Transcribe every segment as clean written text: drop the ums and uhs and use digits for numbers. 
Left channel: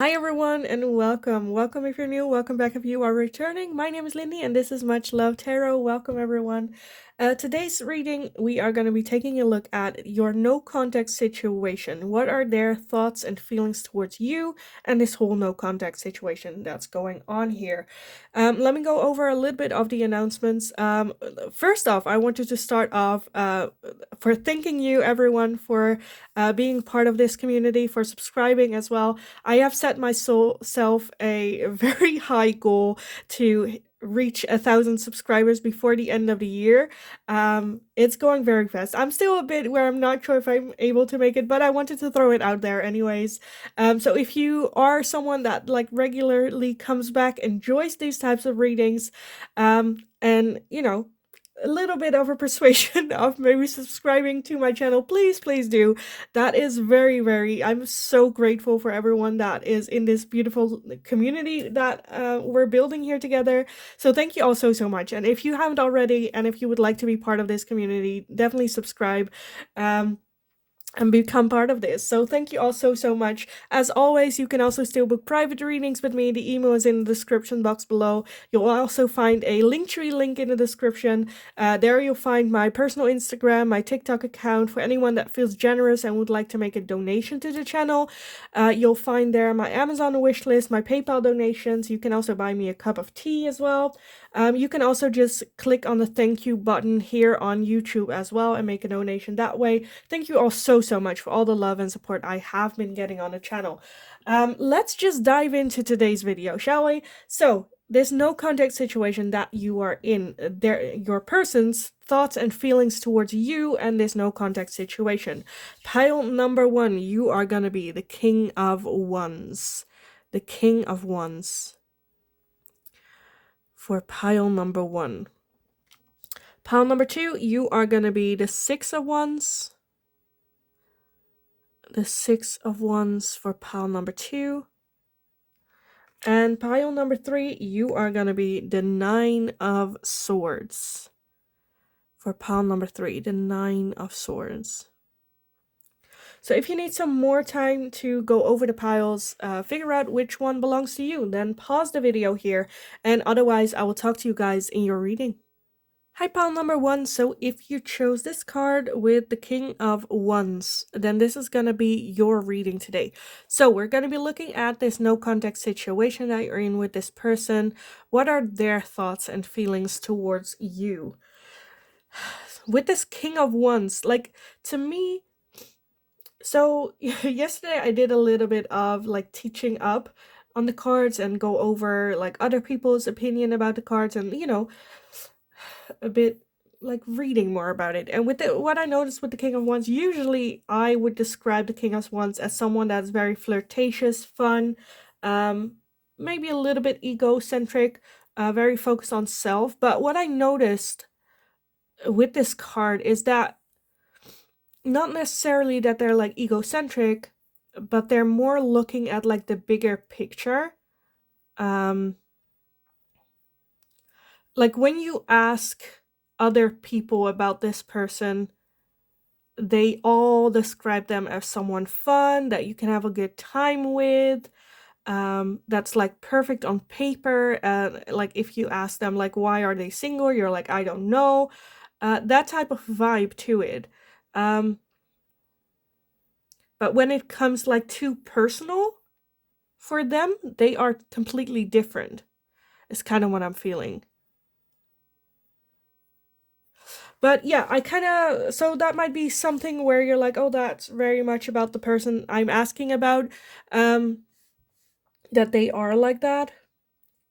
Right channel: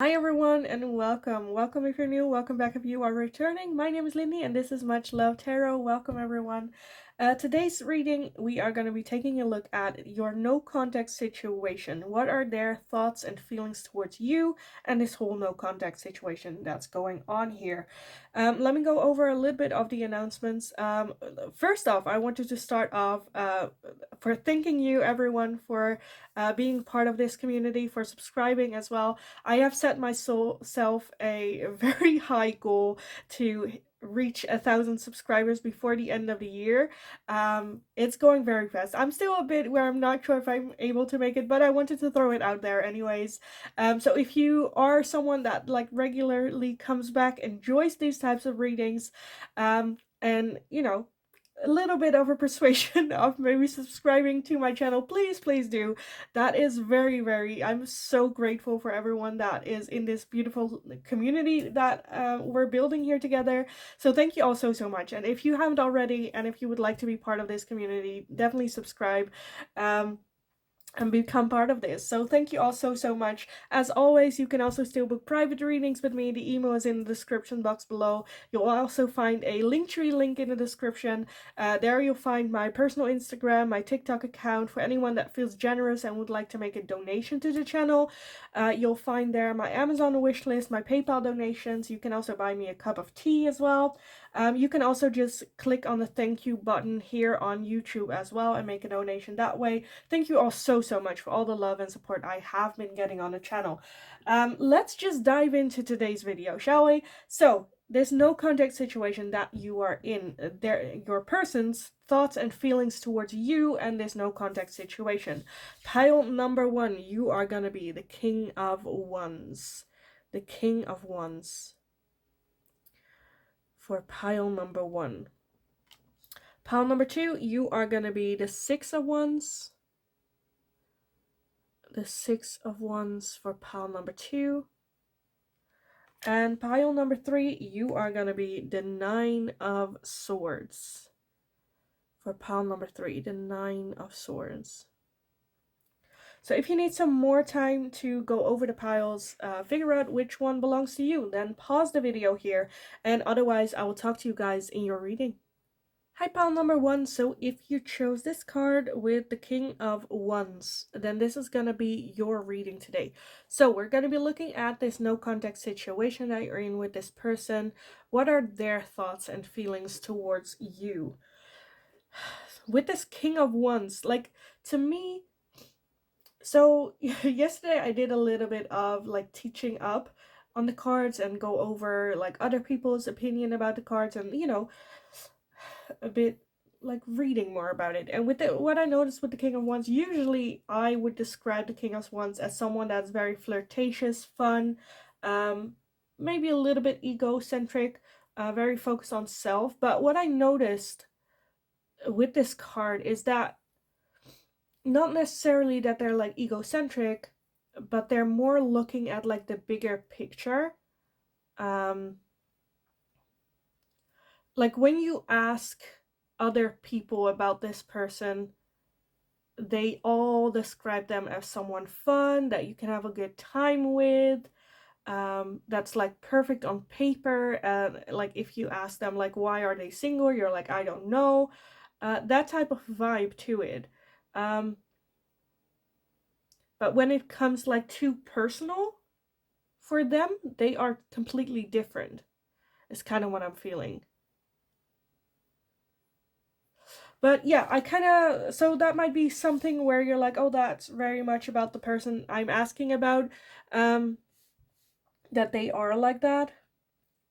Hi everyone and welcome. Welcome if you're new, welcome back if you are returning. My name is Lindy and this is Much Love Tarot. Welcome everyone. Today's reading, we are going to be taking a look at your no contact situation. What are their thoughts and feelings towards you and this whole no contact situation that's going on here? Let me go over a little bit of the announcements. First off, I wanted to start off for thanking you everyone for being part of this community, for subscribing as well. I have set myself a very high goal to reach 1,000 subscribers before the end of the year. It's going very fast. I'm still a bit where I'm not sure if I'm able to make it, but I wanted to throw it out there anyways. So if you are someone that like regularly comes back, enjoys these types of readings, and a little bit of a persuasion of maybe subscribing to my channel, please do. That is very, I'm so grateful for everyone that is in this beautiful community that we're building here together. So thank you all so much. And if you haven't already, and if you would like to be part of this community, definitely subscribe. And become part of this. So thank you all so much. As always, you can also still book private readings with me. The email is in the description box below. You'll also find a Linktree link in the description. There you'll find my personal Instagram, my TikTok account for anyone that feels generous and would like to make a donation to the channel. You'll find there my Amazon wish list, my PayPal donations. You can also buy me a cup of tea as well. You can also just click on the thank you button here on YouTube as well and make a donation that way. Thank you all so much for all the love and support I have been getting on the channel. Let's just dive into today's video, shall we? So, this no contact situation that you are in, your person's thoughts and feelings towards you and this no contact situation. Pile number 1, you are gonna be the King of Wands. The King of Wands for pile number 1. Pile number 2, you are gonna be the Six of Wands. The Six of Wands for pile number 2. And pile number 3, you are going to be the Nine of Swords. For pile number 3, the Nine of Swords. So if you need some more time to go over the piles, figure out which one belongs to you, then pause the video here, and otherwise I will talk to you guys in your reading. Hi, pile number 1. So if you chose this card with the King of Wands, then this is going to be your reading today. So we're going to be looking at this no contact situation that you're in with this person. What are their thoughts and feelings towards you? With this King of Wands, like, to me, so yesterday I did a little bit of like teaching up on the cards and go over like other people's opinion about the cards and a bit like reading more about it. And with what I noticed with the King of Wands, usually I would describe the King of Wands as someone that's very flirtatious, fun, maybe a little bit egocentric, very focused on self. But what I noticed with this card is that not necessarily that they're like egocentric, but they're more looking at like the bigger picture. Like when you ask other people about this person, they all describe them as someone fun that you can have a good time with, that's like perfect on paper. And like if you ask them like why are they single, you're like I don't know, that type of vibe to it. But when it comes like too personal for them, they are completely different. It's kind of what I'm feeling. But yeah, I kind of, so that might be something where you're like, oh, that's very much about the person I'm asking about, that they are like that.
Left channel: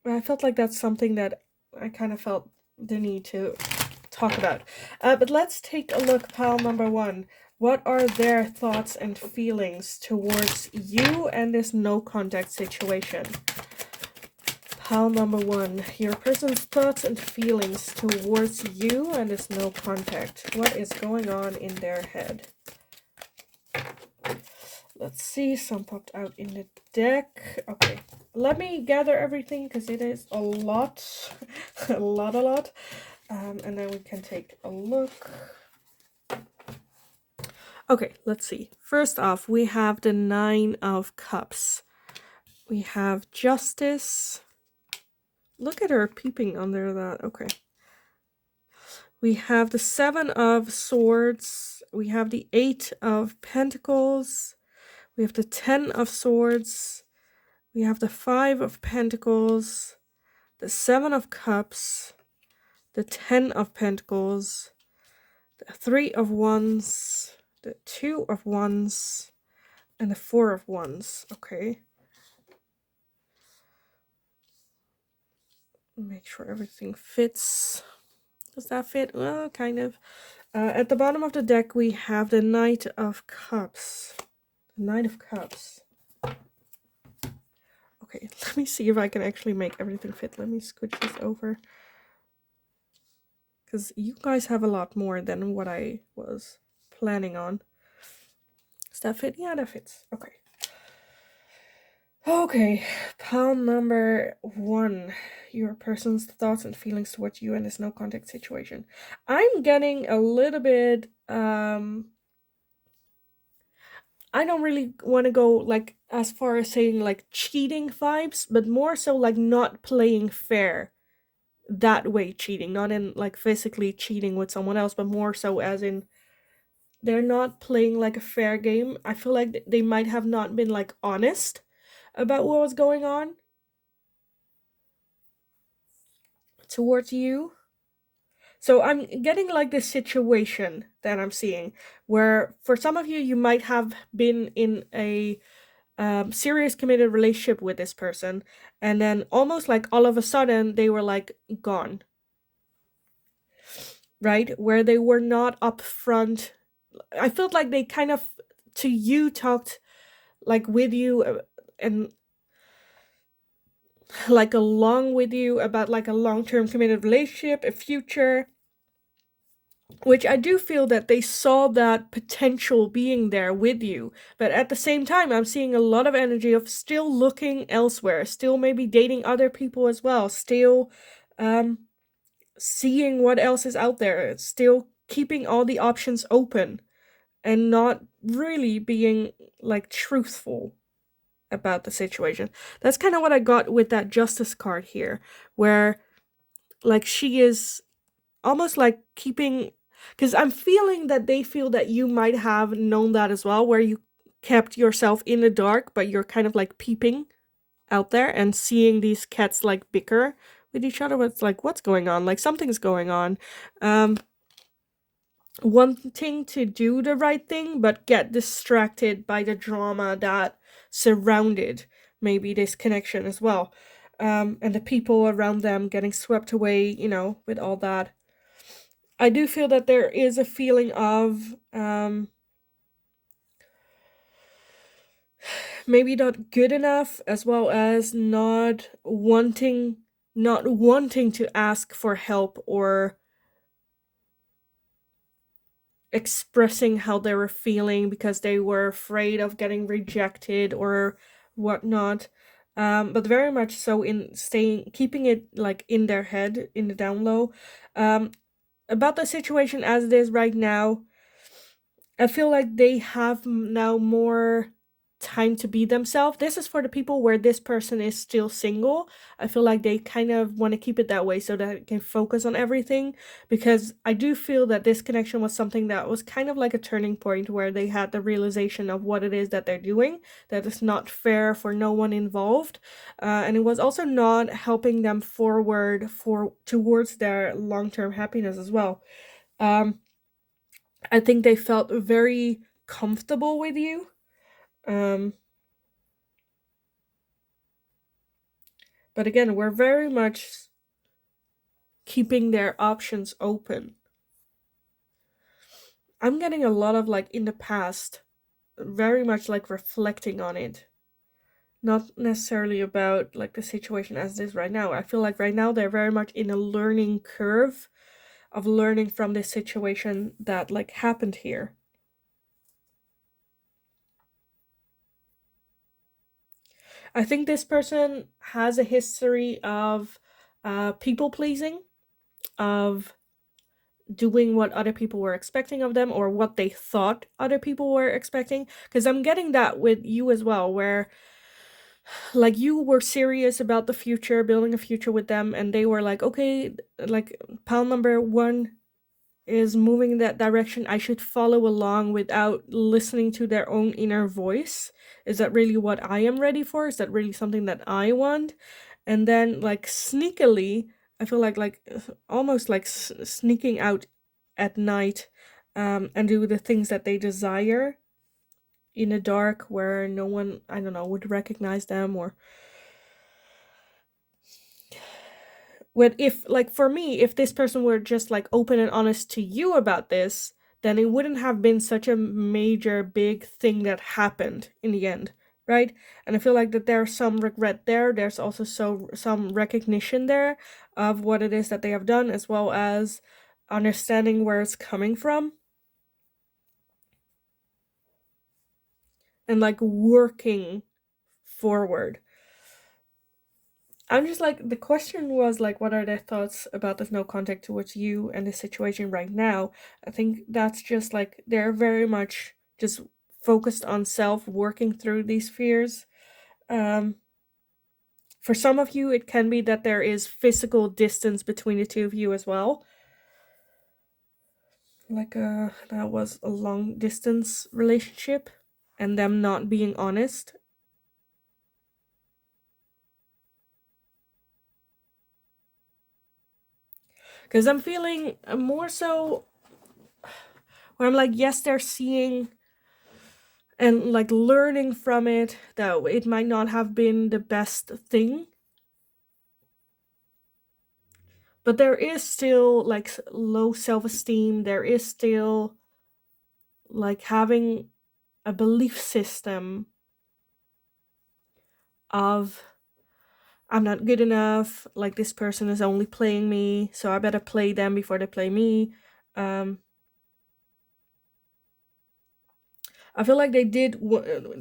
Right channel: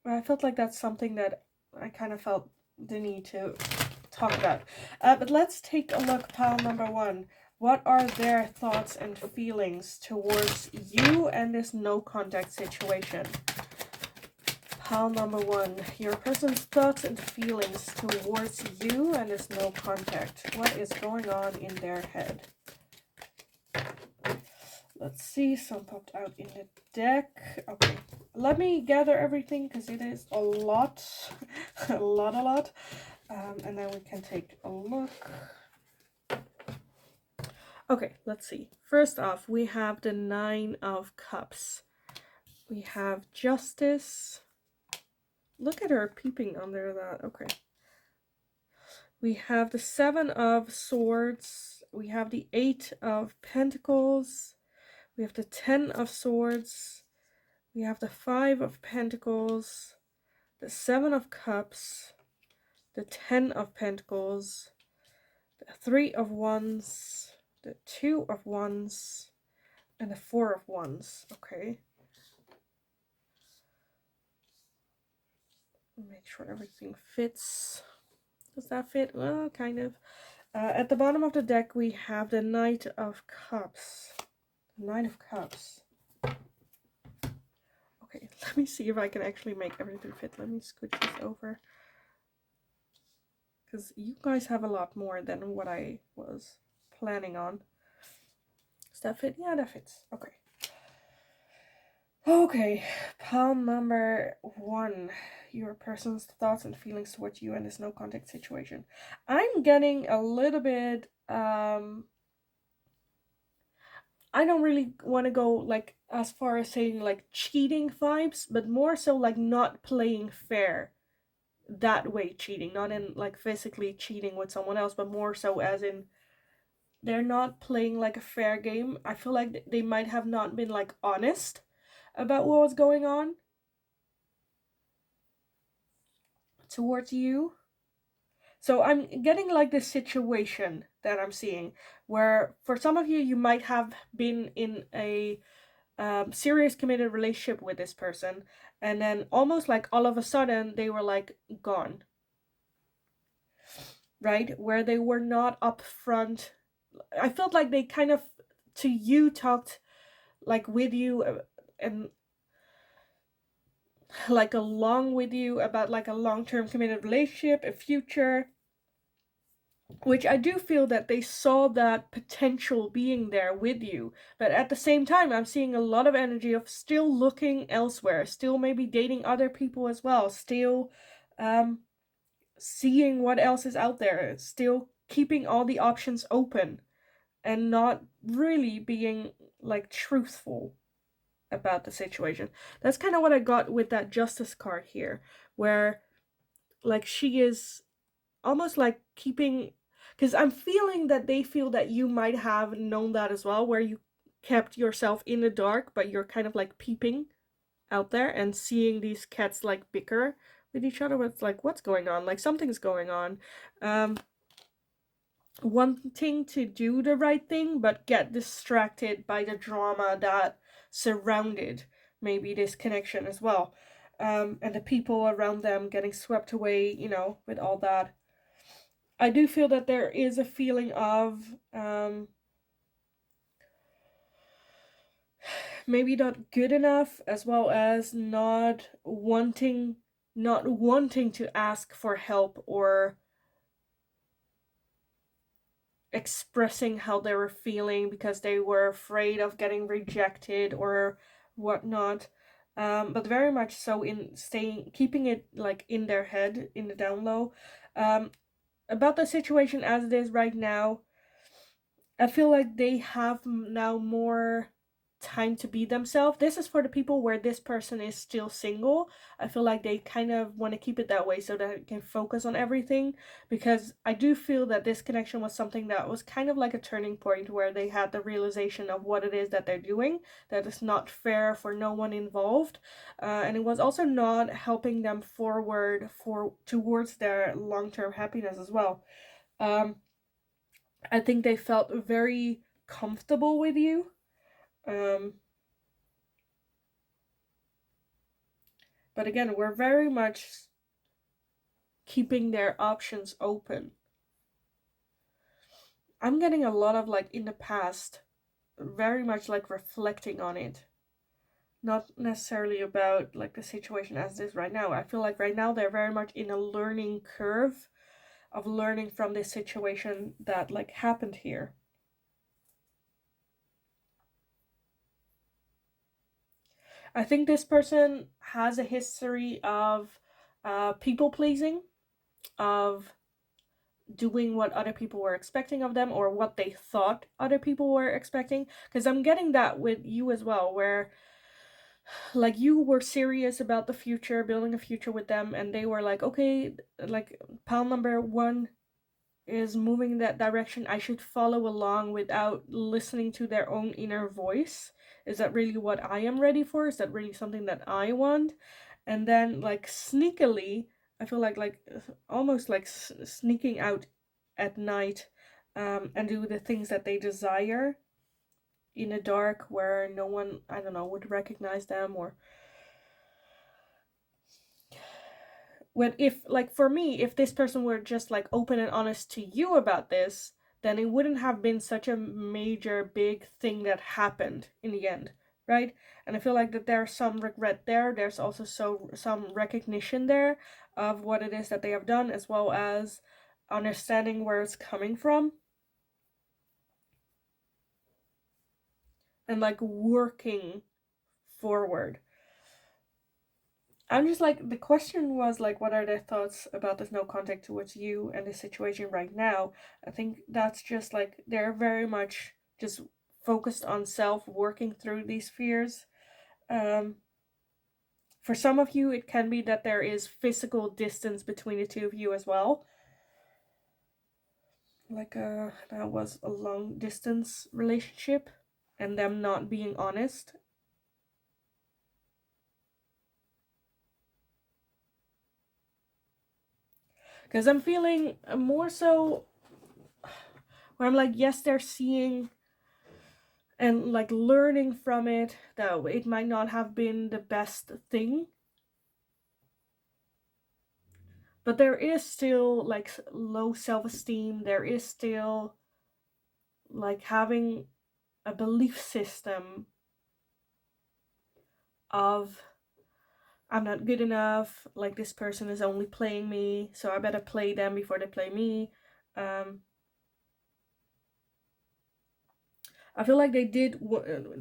I felt like that's something that I kind of felt the need to talk about. But let's take a look, pile number 1. What are their thoughts and feelings towards you and this no contact situation? Pile number 1, your person's thoughts and feelings towards you and this no contact. What is going on in their head? Let's see, some popped out in the deck. Okay, let me gather everything because it is a lot, a lot. And then we can take a look. Okay, let's see. First off, we have the Nine of Cups. We have justice. Look at her peeping under that. Okay. We have the 7 of swords. We have the 8 of pentacles. We have the 10 of swords. We have the 5 of pentacles. The 7 of cups. The 10 of pentacles. The 3 of wands. The 2 of wands. And the 4 of wands. Okay. Make sure everything fits. Does that fit? Well, kind of. At the bottom of the deck, we have the Knight of Cups. The Knight of Cups. Okay, let me see if I can actually make everything fit. Let me scooch this over. Because you guys have a lot more than what I was planning on. Does that fit? Yeah, that fits. Okay. Okay, pile number 1. Your person's thoughts and feelings towards you in this no contact situation. I'm getting a little bit, I don't really want to go like as far as saying like cheating vibes, but more so like not playing fair that way cheating, not in like physically cheating with someone else, but more so as in they're not playing like a fair game. I feel like they might have not been like honest about what was going on towards you. So I'm getting like this situation that I'm seeing where for some of you, you might have been in a serious committed relationship with this person, and then almost like all of a sudden they were like gone, right? Where they were not upfront. I felt like they kind of to you talked like with you and like along with you about like a long-term committed relationship, a future, which I do feel that they saw that potential being there with you. But at the same time, I'm seeing a lot of energy of still looking elsewhere, still maybe dating other people as well, still seeing what else is out there, still keeping all the options open and not really being like truthful about the situation. That's kind of what I got with that justice card here, where like she is almost like keeping, because I'm feeling that they feel that you might have known that as well, where you kept yourself in the dark, but you're kind of like peeping out there and seeing these cats like bicker with each other. It's like, what's going on? Like something's going on. Wanting to do the right thing, but get distracted by the drama that surrounded maybe this connection as well. And the people around them getting swept away, with all that. I do feel that there is a feeling of maybe not good enough, as well as not wanting to ask for help or expressing how they were feeling because they were afraid of getting rejected or whatnot. But very much so in keeping it like in their head, in the down low. About the situation as it is right now, I feel like they have now more time to be themselves. This is for the people where this person is still single. I feel like they kind of want to keep it that way so that it can focus on everything, because I do feel that this connection was something that was kind of like a turning point where they had the realization of what it is that they're doing, that it's not fair for no one involved, and it was also not helping them forward towards their long-term happiness as well. I think they felt very comfortable with you. But again, we're very much keeping their options open. I'm getting a lot of like in the past, very much like reflecting on it. Not necessarily about like the situation as it is right now. I feel like right now they're very much in a learning curve of learning from this situation that like happened here. I think this person has a history of people pleasing, of doing what other people were expecting of them or what they thought other people were expecting. Because I'm getting that with you as well, where like you were serious about the future, building a future with them, and they were like, okay, like pile number one is moving in that direction. I should follow along without listening to their own inner voice. Is that really what I am ready for? Is that really something that I want? And then like sneakily, I feel like almost like sneaking out at night, and do the things that they desire in the dark where no one, I don't know, would recognize them. Or when, if like for me, if this person were just like open and honest to you about this, then it wouldn't have been such a major big thing that happened in the end, right? And I feel like that there's some regret there. There's also some recognition there of what it is that they have done, as well as understanding where it's coming from, and like working forward. I'm just like, the question was like, what are their thoughts about this no contact towards you and the situation right now? I think that's just like, they're very much just focused on self, working through these fears. For some of you, it can be that there is physical distance between the two of you as well. Like, that was a long distance relationship and them not being honest. Because I'm feeling more so where I'm like, yes, they're seeing and like learning from it that it might not have been the best thing, but there is still like low self-esteem. There is still like having a belief system of, I'm not good enough, like this person is only playing me, so I better play them before they play me. I feel like they did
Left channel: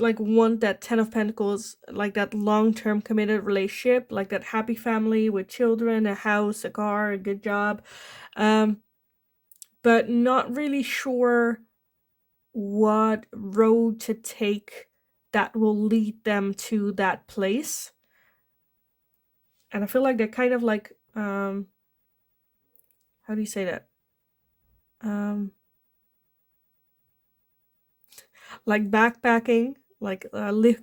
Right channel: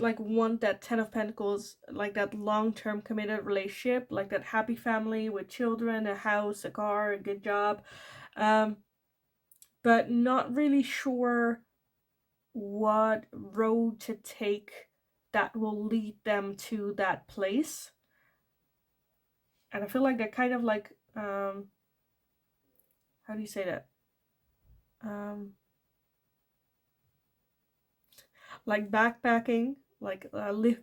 like want that 10 of Pentacles, like that long-term committed relationship, like that happy family with children, a house, a car, a good job, but not really sure what road to take that will lead them to that place. And I feel like they're kind of like, how do you say that? Like backpacking, like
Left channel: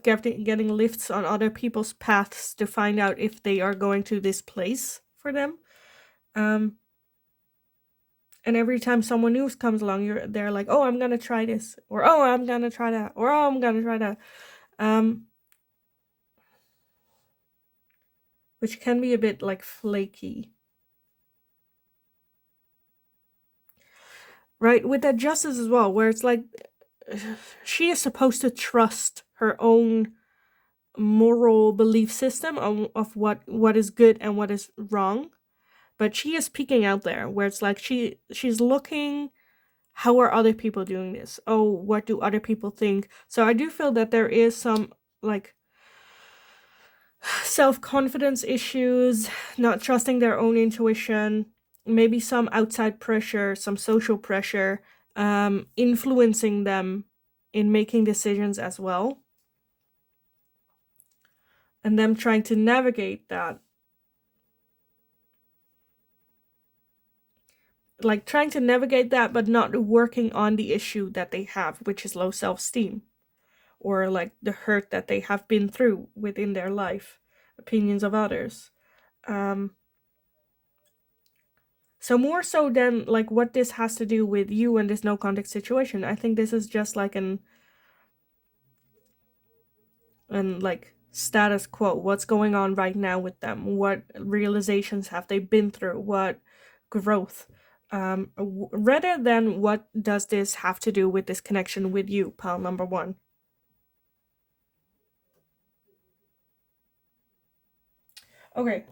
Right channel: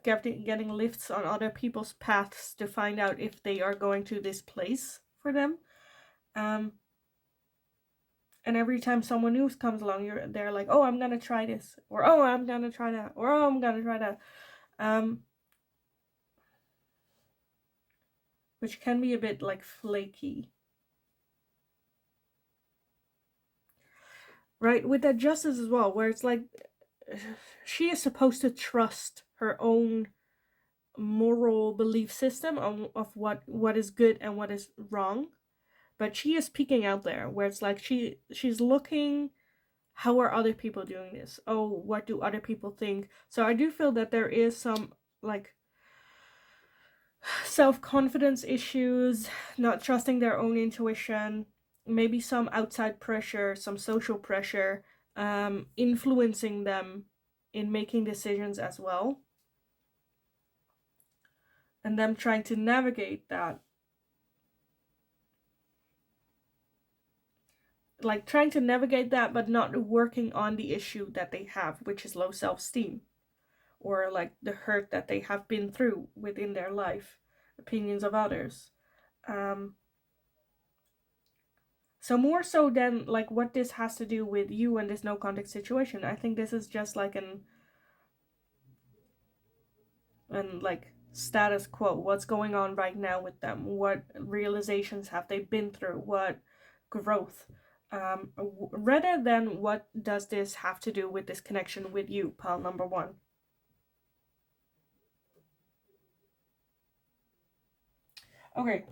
getting lifts on other people's paths to find out if they are going to this place for them. And every time someone new comes along, they're like, oh, I'm gonna try this, or oh, I'm gonna try that, or oh, I'm gonna try that. Which can be a bit like flaky. Right, with that justice as well, where it's like she is supposed to trust her own moral belief system of what is good and what is wrong, but she is peeking out there where it's like she's looking, how are other people doing this? Oh, what do other people think? So I do feel that there is some like self-confidence issues, not trusting their own intuition, maybe some outside pressure, some social pressure, influencing them in making decisions as well, and them trying to navigate that, like trying to navigate that but not working on the issue that they have, which is low self-esteem, or like the hurt that they have been through within their life, opinions of others. So more so than like what this has to do with you and this no contact situation, I think this is just like an like status quo. What's going on right now with them? What realizations have they been through? What growth? Rather than what does this have to do with this connection with you, pile number one. Okay,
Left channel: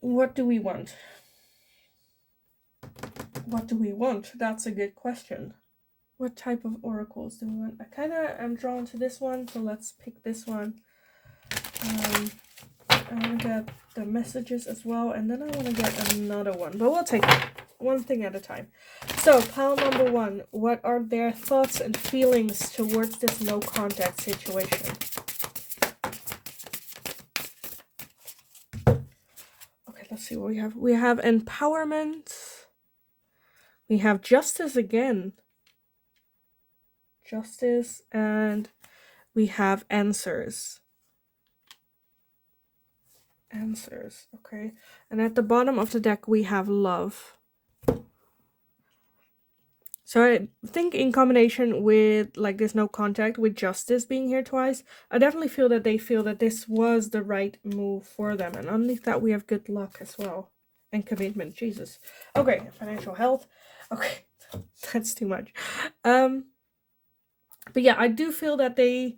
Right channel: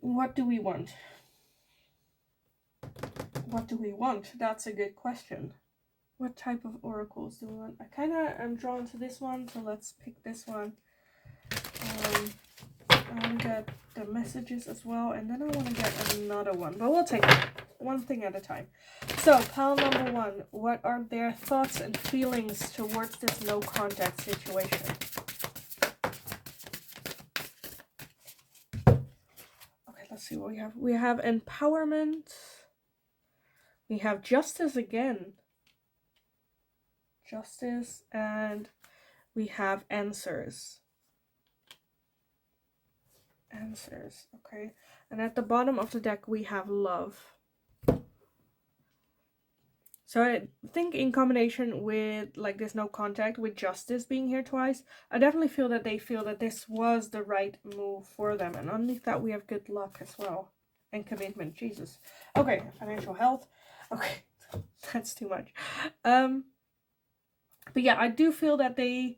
what do we want? What do we want? That's a good question. What type of oracles do we want? I kind of am drawn to this one, so let's pick this one. I want to get the messages as well, and then I want to get another one, but we'll take it. one thing at a time. So, pile number one, what are their thoughts and feelings towards this no contact situation? Okay, let's see what we have. We have empowerment. We have justice again. Justice, and we have answers. Answers, okay. And at the bottom of the deck, we have love. So I think in combination with like this no contact, with justice being here twice, I definitely feel that they feel that this was the right move for them. And underneath that, we have good luck as well. And commitment, Jesus. Okay, financial health. Okay, that's too much. But yeah, I do feel that they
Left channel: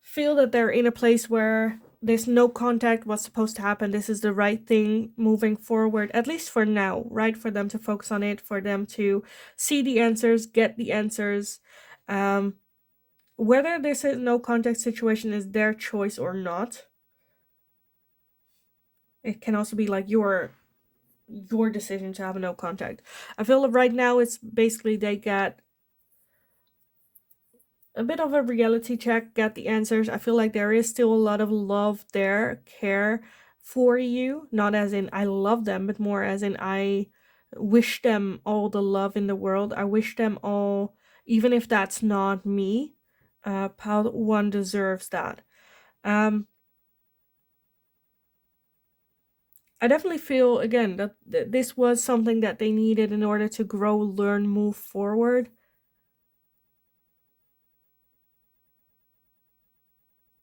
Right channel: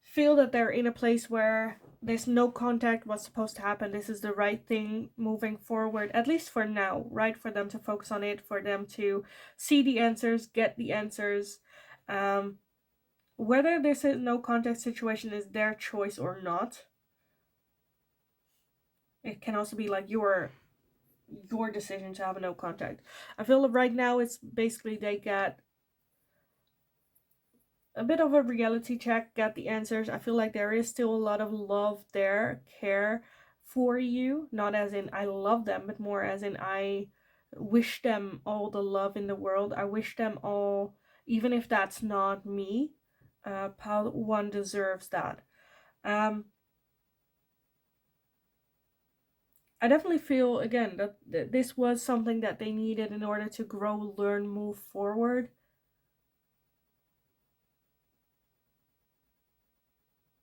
feel that they're in a place where this no contact was supposed to happen. This is the right thing moving forward, at least for now, right? For them to focus on it, for them to see the answers, get the answers. Whether this is no contact situation is their choice or not. It can also be like your decision to have a no contact. I feel like right now it's basically they get a bit of a reality check, get the answers. I feel like there is still a lot of love there, care for you. Not as in I love them, but more as in I wish them all the love in the world. I wish them all, even if that's not me. Pile one deserves that. I definitely feel again that this was something that they needed in order to grow, learn, move forward.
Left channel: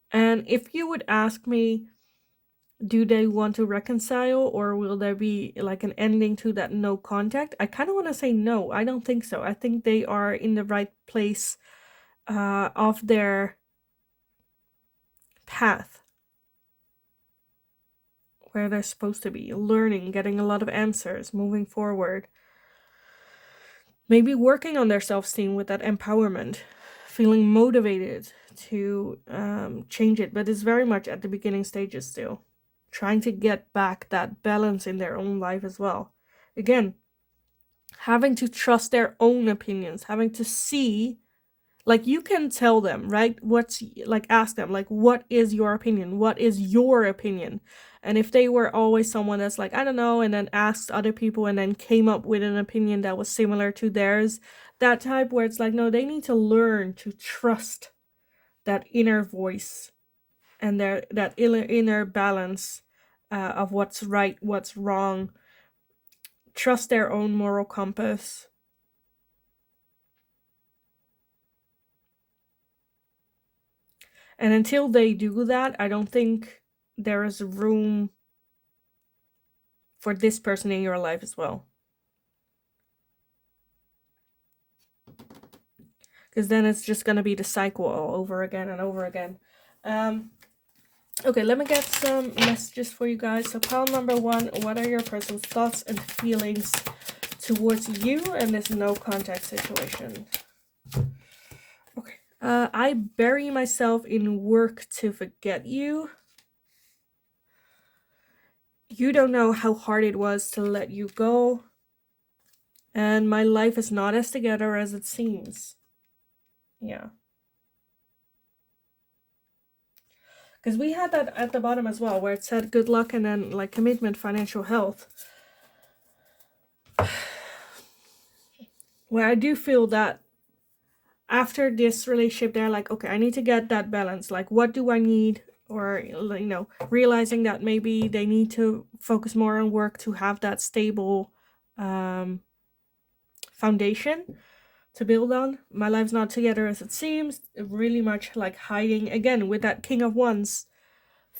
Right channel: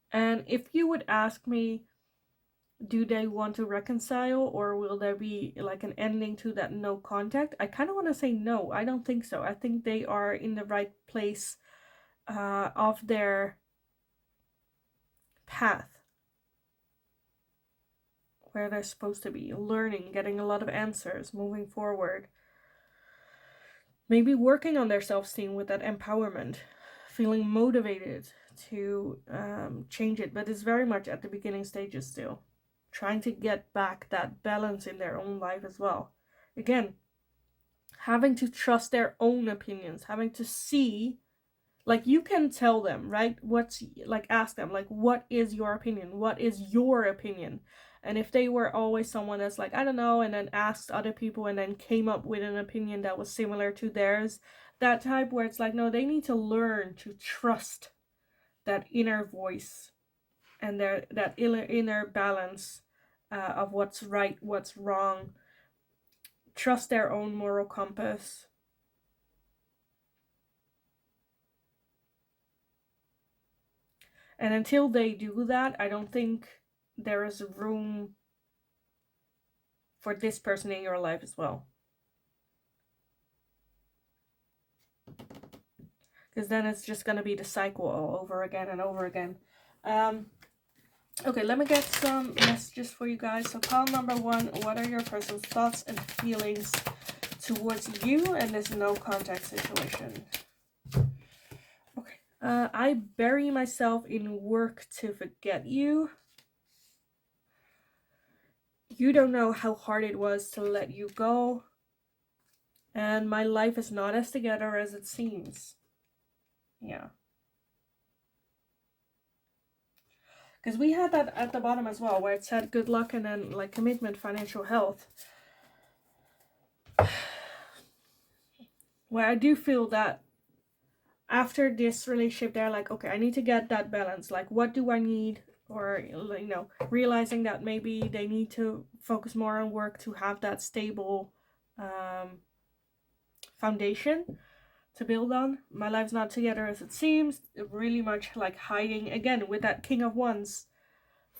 And if you would ask me, do they want to reconcile, or will there be like an ending to that no contact? I kind of want to say no. I don't think so. I think they are in the right place of their path where they're supposed to be, learning, getting a lot of answers, moving forward. Maybe working on their self-esteem with that empowerment, feeling motivated to change it, but it's very much at the beginning stages still. Trying to get back that balance in their own life as well. Again, having to trust their own opinions, having to see, like, you can tell them, right? What's like, ask them, like, what is your opinion? What is your opinion? And if they were always someone that's like, I don't know, and then asked other people and then came up with an opinion that was similar to theirs, that type where it's like, no, they need to learn to trust that inner voice and that inner balance of what's right, what's wrong. Trust their own moral compass. And until they do that, I don't think there is room for this person in your life as well. Because then it's just going to be the cycle all over again and over again. Okay, let me get some messages for you guys. So pile number one, what are your person's thoughts and feelings towards you and this no contact situation? Okay. I bury myself in work to forget you. You don't know how hard it was to let you go. And my life is not as together as it seems. Yeah. Because we had that at the bottom as well, where it said good luck and then like commitment, financial health. Where I do feel that after this relationship, they're like, okay, I need to get that balance. Like, what do I need? Or, you know, realizing that maybe they need to focus more on work to have that stable foundation to build on. My life's not together as it seems. Really much like hiding again with that King of Wands.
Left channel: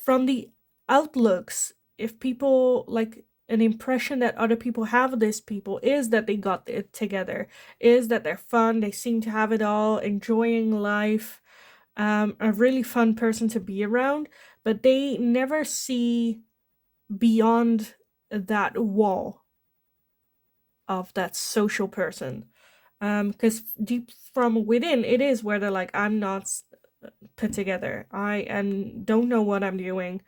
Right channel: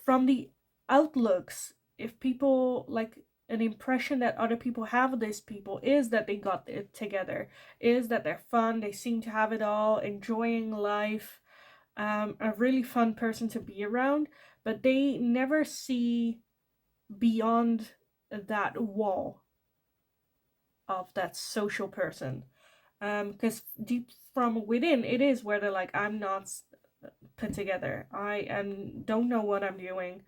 From the outlooks, if people like an impression that other people have of these people is that they got it together, is that they're fun, they seem to have it all, enjoying life, a really fun person to be around, but they never see beyond that wall of that social person. Because deep from within, it is where they're like, I'm not put together. I don't know what I'm doing.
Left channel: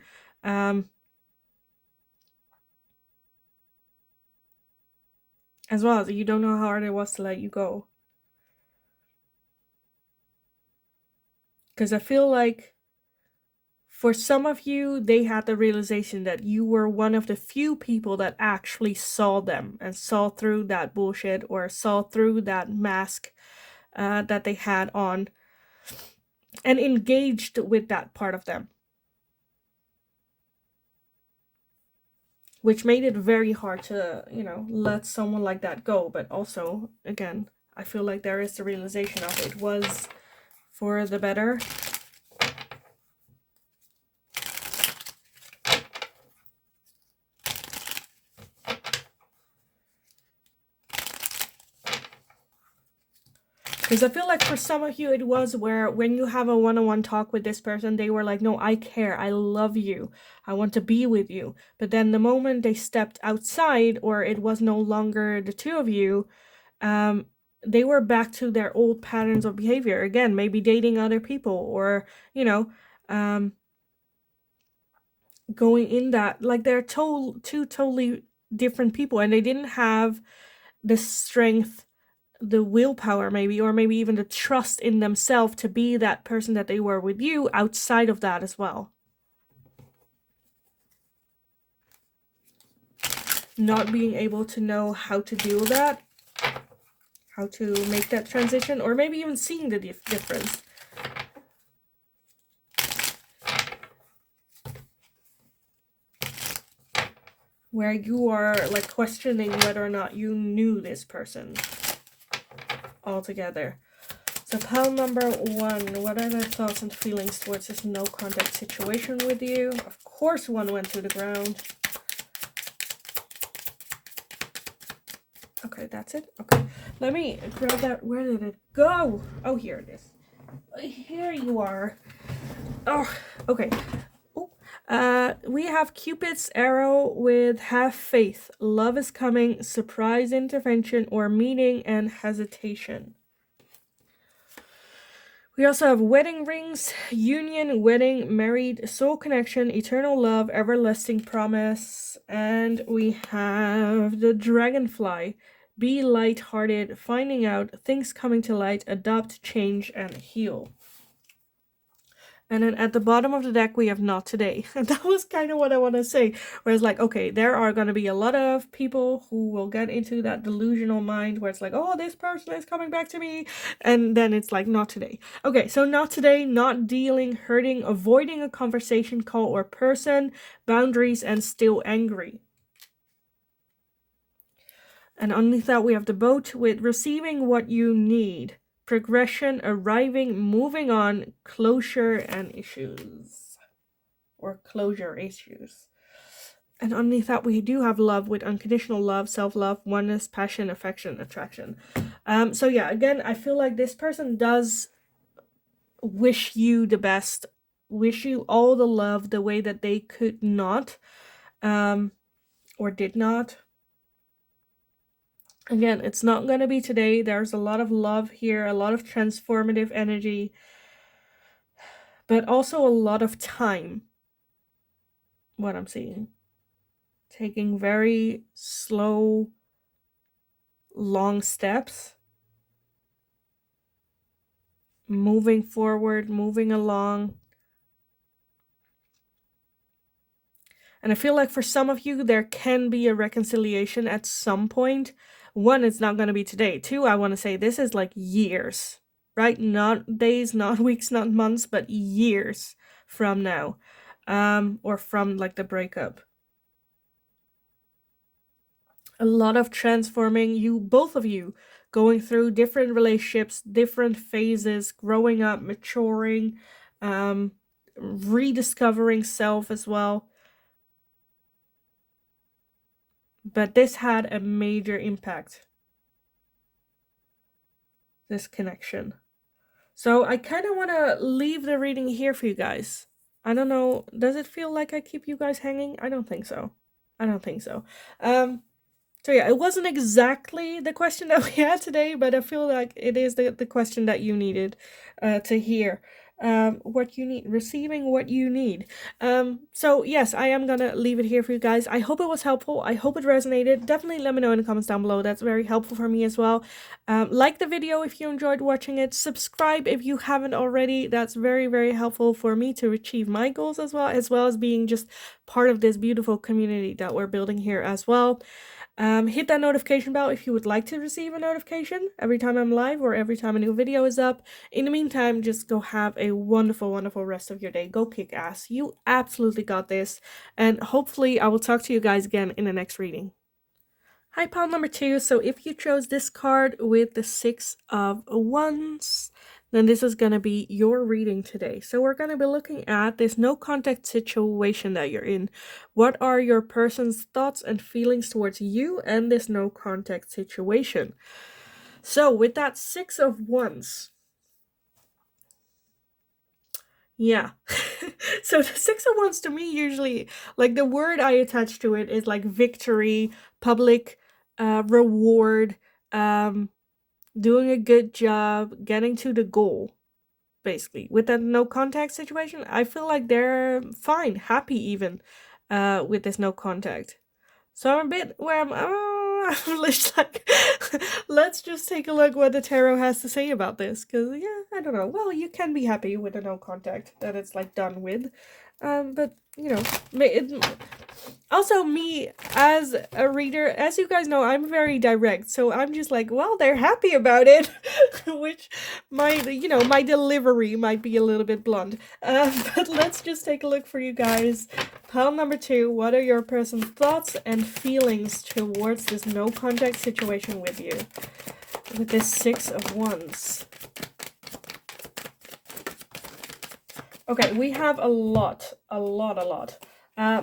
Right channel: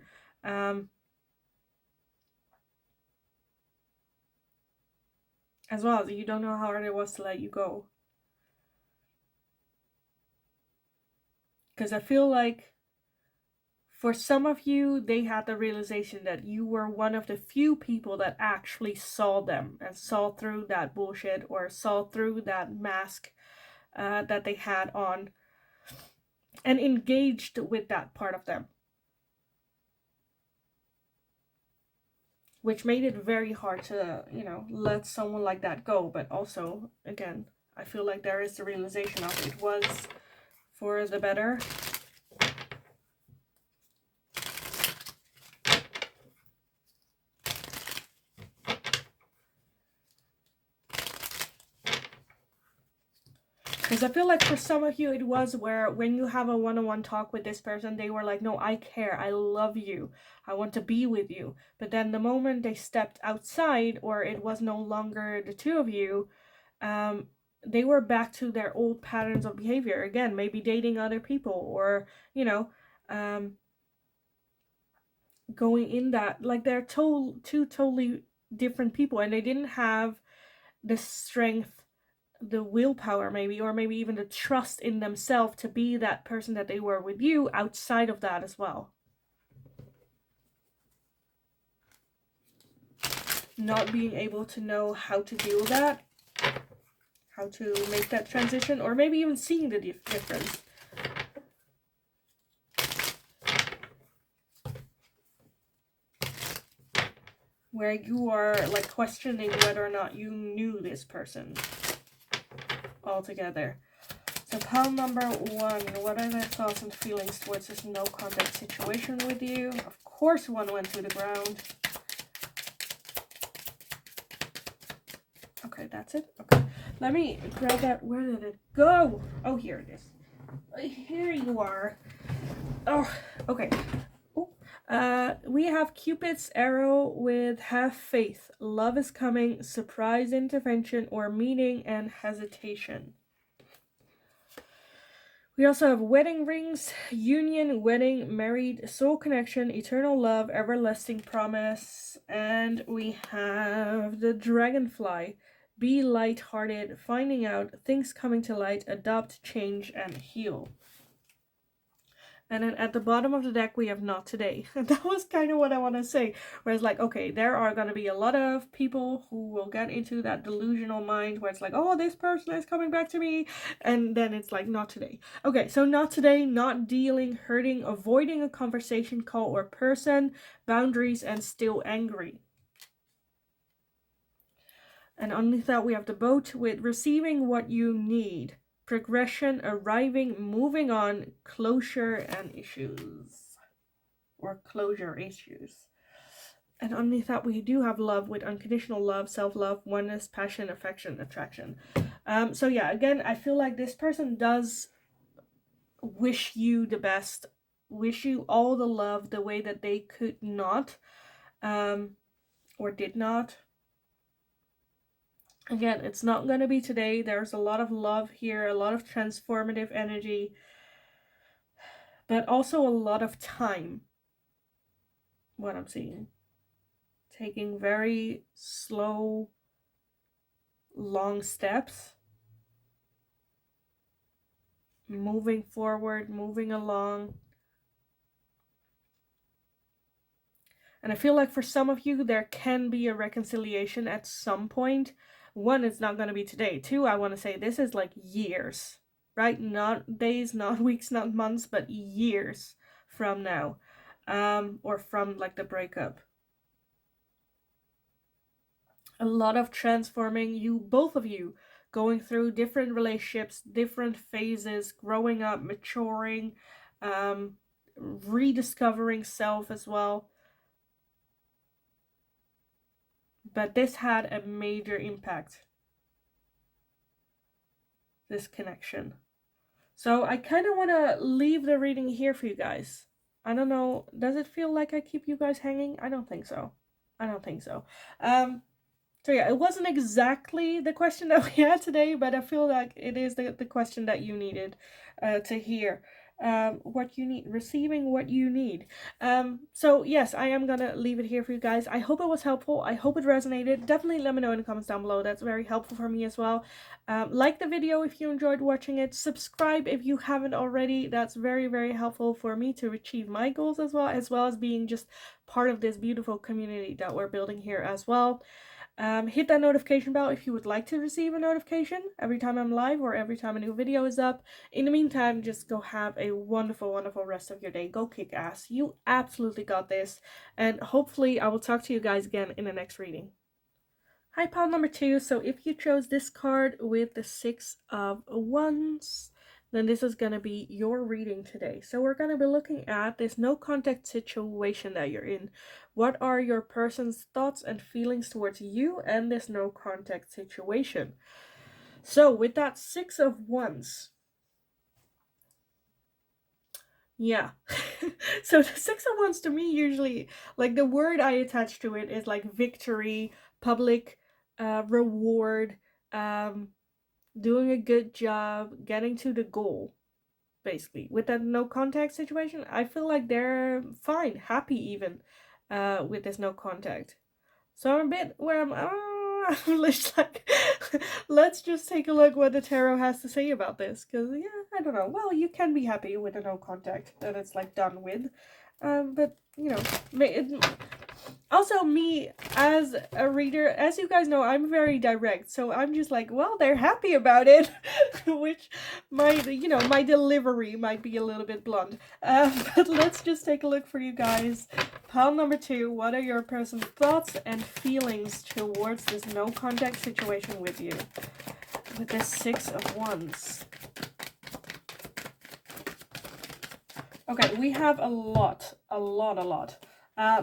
as well, as you don't know how hard it was to let you go. Because I feel like for some of you, they had the realization that you were one of the few people that actually saw them and saw through that bullshit or saw through that mask that they had on and engaged with that part of them. Which made it very hard to, let someone like that go. But also, again, I feel like there is the realization of it was for the better. Because I feel like for some of you, it was where when you have a one-on-one talk with this person, they were like, no, I care. I love you. I want to be with you. But then the moment they stepped outside, or it was no longer the two of you, they were back to their old patterns of behavior. Again, maybe dating other people or, going in that, like they're two totally different people, and they didn't have the strength, the willpower maybe, or maybe even the trust in themselves to be that person that they were with you outside of that as well. Not being able to know how to deal with that, how to make that transition, or maybe even seeing the difference. Where you are like questioning whether or not you knew this person altogether. So pile number 1, what are their thoughts and feelings towards this no contact situation with you? Of course 1 went to the ground. Okay, that's it. Okay, let me grab that. Where did it go? Oh, here it is. Here you are. Oh, okay. We have Cupid's arrow with have faith. Love is coming, surprise intervention, or meeting and hesitation. We also have wedding rings, union, wedding, married, soul connection, eternal love, everlasting promise. And we have the dragonfly. Be lighthearted, finding out, things coming to light, adopt, change, and heal. And then at the bottom of the deck, we have not today. And that was kind of what I want to say. Where it's like, okay, there are going to be a lot of people who will get into that delusional mind where it's like, oh, this person is coming back to me. And then it's like, not today. Okay, so not today, not dealing, hurting, avoiding a conversation, call, or person, boundaries, and still angry. And underneath that, we have the boat with receiving what you need. Progression, arriving, moving on, closure, and issues. Or closure issues. And underneath that, we do have love with unconditional love, self-love, oneness, passion, affection, attraction. So yeah, again, I feel like this person does wish you the best, wish you all the love the way that they could not, or did not. Again, it's not going to be today. There's a lot of love here, a lot of transformative energy, but also a lot of time, what I'm seeing. Taking very slow, long steps. Moving forward, moving along. And I feel like for some of you, there can be a reconciliation at some point. 1, it's not going to be today. 2, I want to say this is like years, right? Not days, not weeks, not months, but years from now. Or from like the breakup. A lot of transforming, you, both of you, going through different relationships, different phases, growing up, maturing, rediscovering self as well. But this had a major impact, this connection. So I kind of want to leave the reading here for you guys. I don't know, does it feel like I keep you guys hanging? I don't think so. I don't think so. So yeah, it wasn't exactly the question that we had today, but I feel like it is the question that you needed to hear. what you need, receiving what you need. So yes, I am gonna leave it here for you guys. I hope it was helpful. I hope it resonated. Definitely let me know in the comments down below. That's very helpful for me as well. Like the video if you enjoyed watching it. Subscribe if you haven't already. That's very, very helpful for me to achieve my goals as well as being just part of this beautiful community that we're building here as well. Hit that notification bell if you would like to receive a notification every time I'm live or every time a new video is up. In the meantime, just go have a wonderful, wonderful rest of your day. Go kick ass. You absolutely got this. And hopefully I will talk to you guys again in the next reading. Hi, pile number 2. So if you chose this card with the 6 of Wands, then this is going to be your reading today. So we're going to be looking at this no contact situation that you're in. What are your person's thoughts and feelings towards you and this no contact situation? So with that 6 of Wands, yeah. So the 6 of Wands to me usually, like the word I attach to it is like victory, public reward, doing a good job, getting to the goal, basically. With that no contact situation, I feel like they're fine, happy even, with this no contact. So I'm a bit where I'm just like, let's just take a look what the tarot has to say about this, because yeah, I don't know. Well, you can be happy with a no contact that it's like done with, but you know, also me as a reader, as you guys know, I'm very direct, so I'm just like, well, they're happy about it, which my delivery might be a little bit blunt, but let's just take a look for you guys. Pile number 2, what are your person's thoughts and feelings towards this no contact situation with you, with this 6 of Wands? Okay, we have a lot.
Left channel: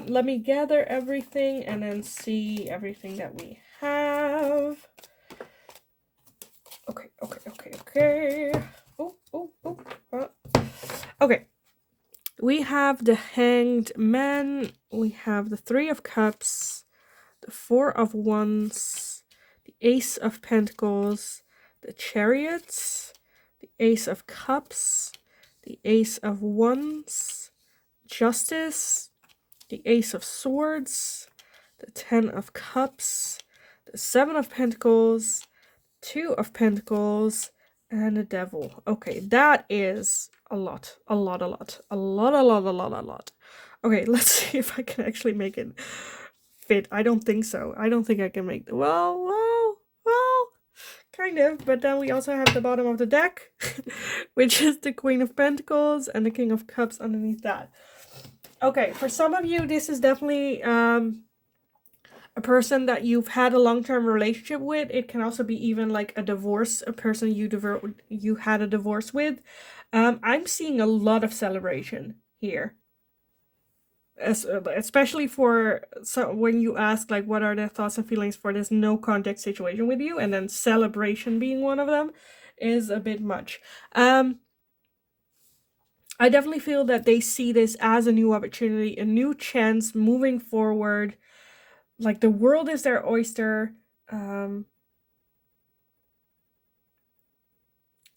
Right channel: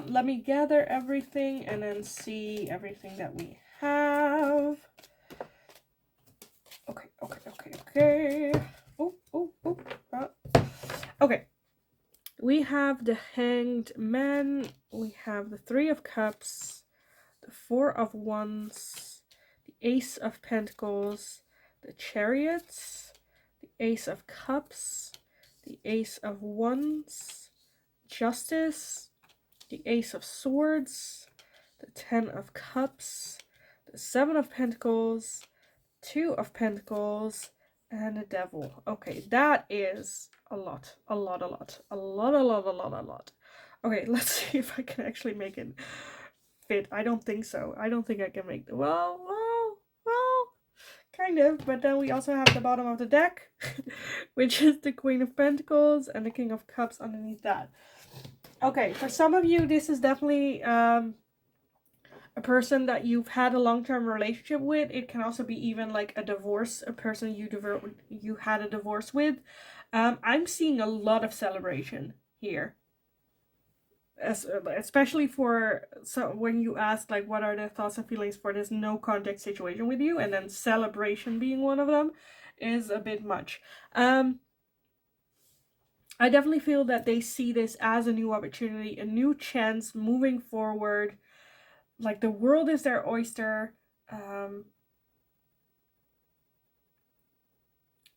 Let me gather everything and then see everything that we have. Okay. Okay. We have the Hanged Man. We have the 3 of Cups, the 4 of Wands, the Ace of Pentacles, the Chariot, the Ace of Cups, the Ace of Wands, Justice, the Ace of Swords, the 10 of Cups, the 7 of Pentacles, 2 of Pentacles, and the Devil. Okay, that is a lot. Okay, let's see if I can actually make it fit. I don't think so. I don't think I can make the well, kind of, but then we also have the bottom of the deck, which is the Queen of Pentacles and the King of Cups underneath that. Okay, for some of you, this is definitely a person that you've had a long-term relationship with. It can also be even like a divorce, a person you had a divorce with. I'm seeing a lot of celebration here. Especially for when you ask like what are the thoughts and feelings for this no contact situation with you, and then celebration being one of them is a bit much. I definitely feel that they see this as a new opportunity, a new chance moving forward. Like the world is their oyster.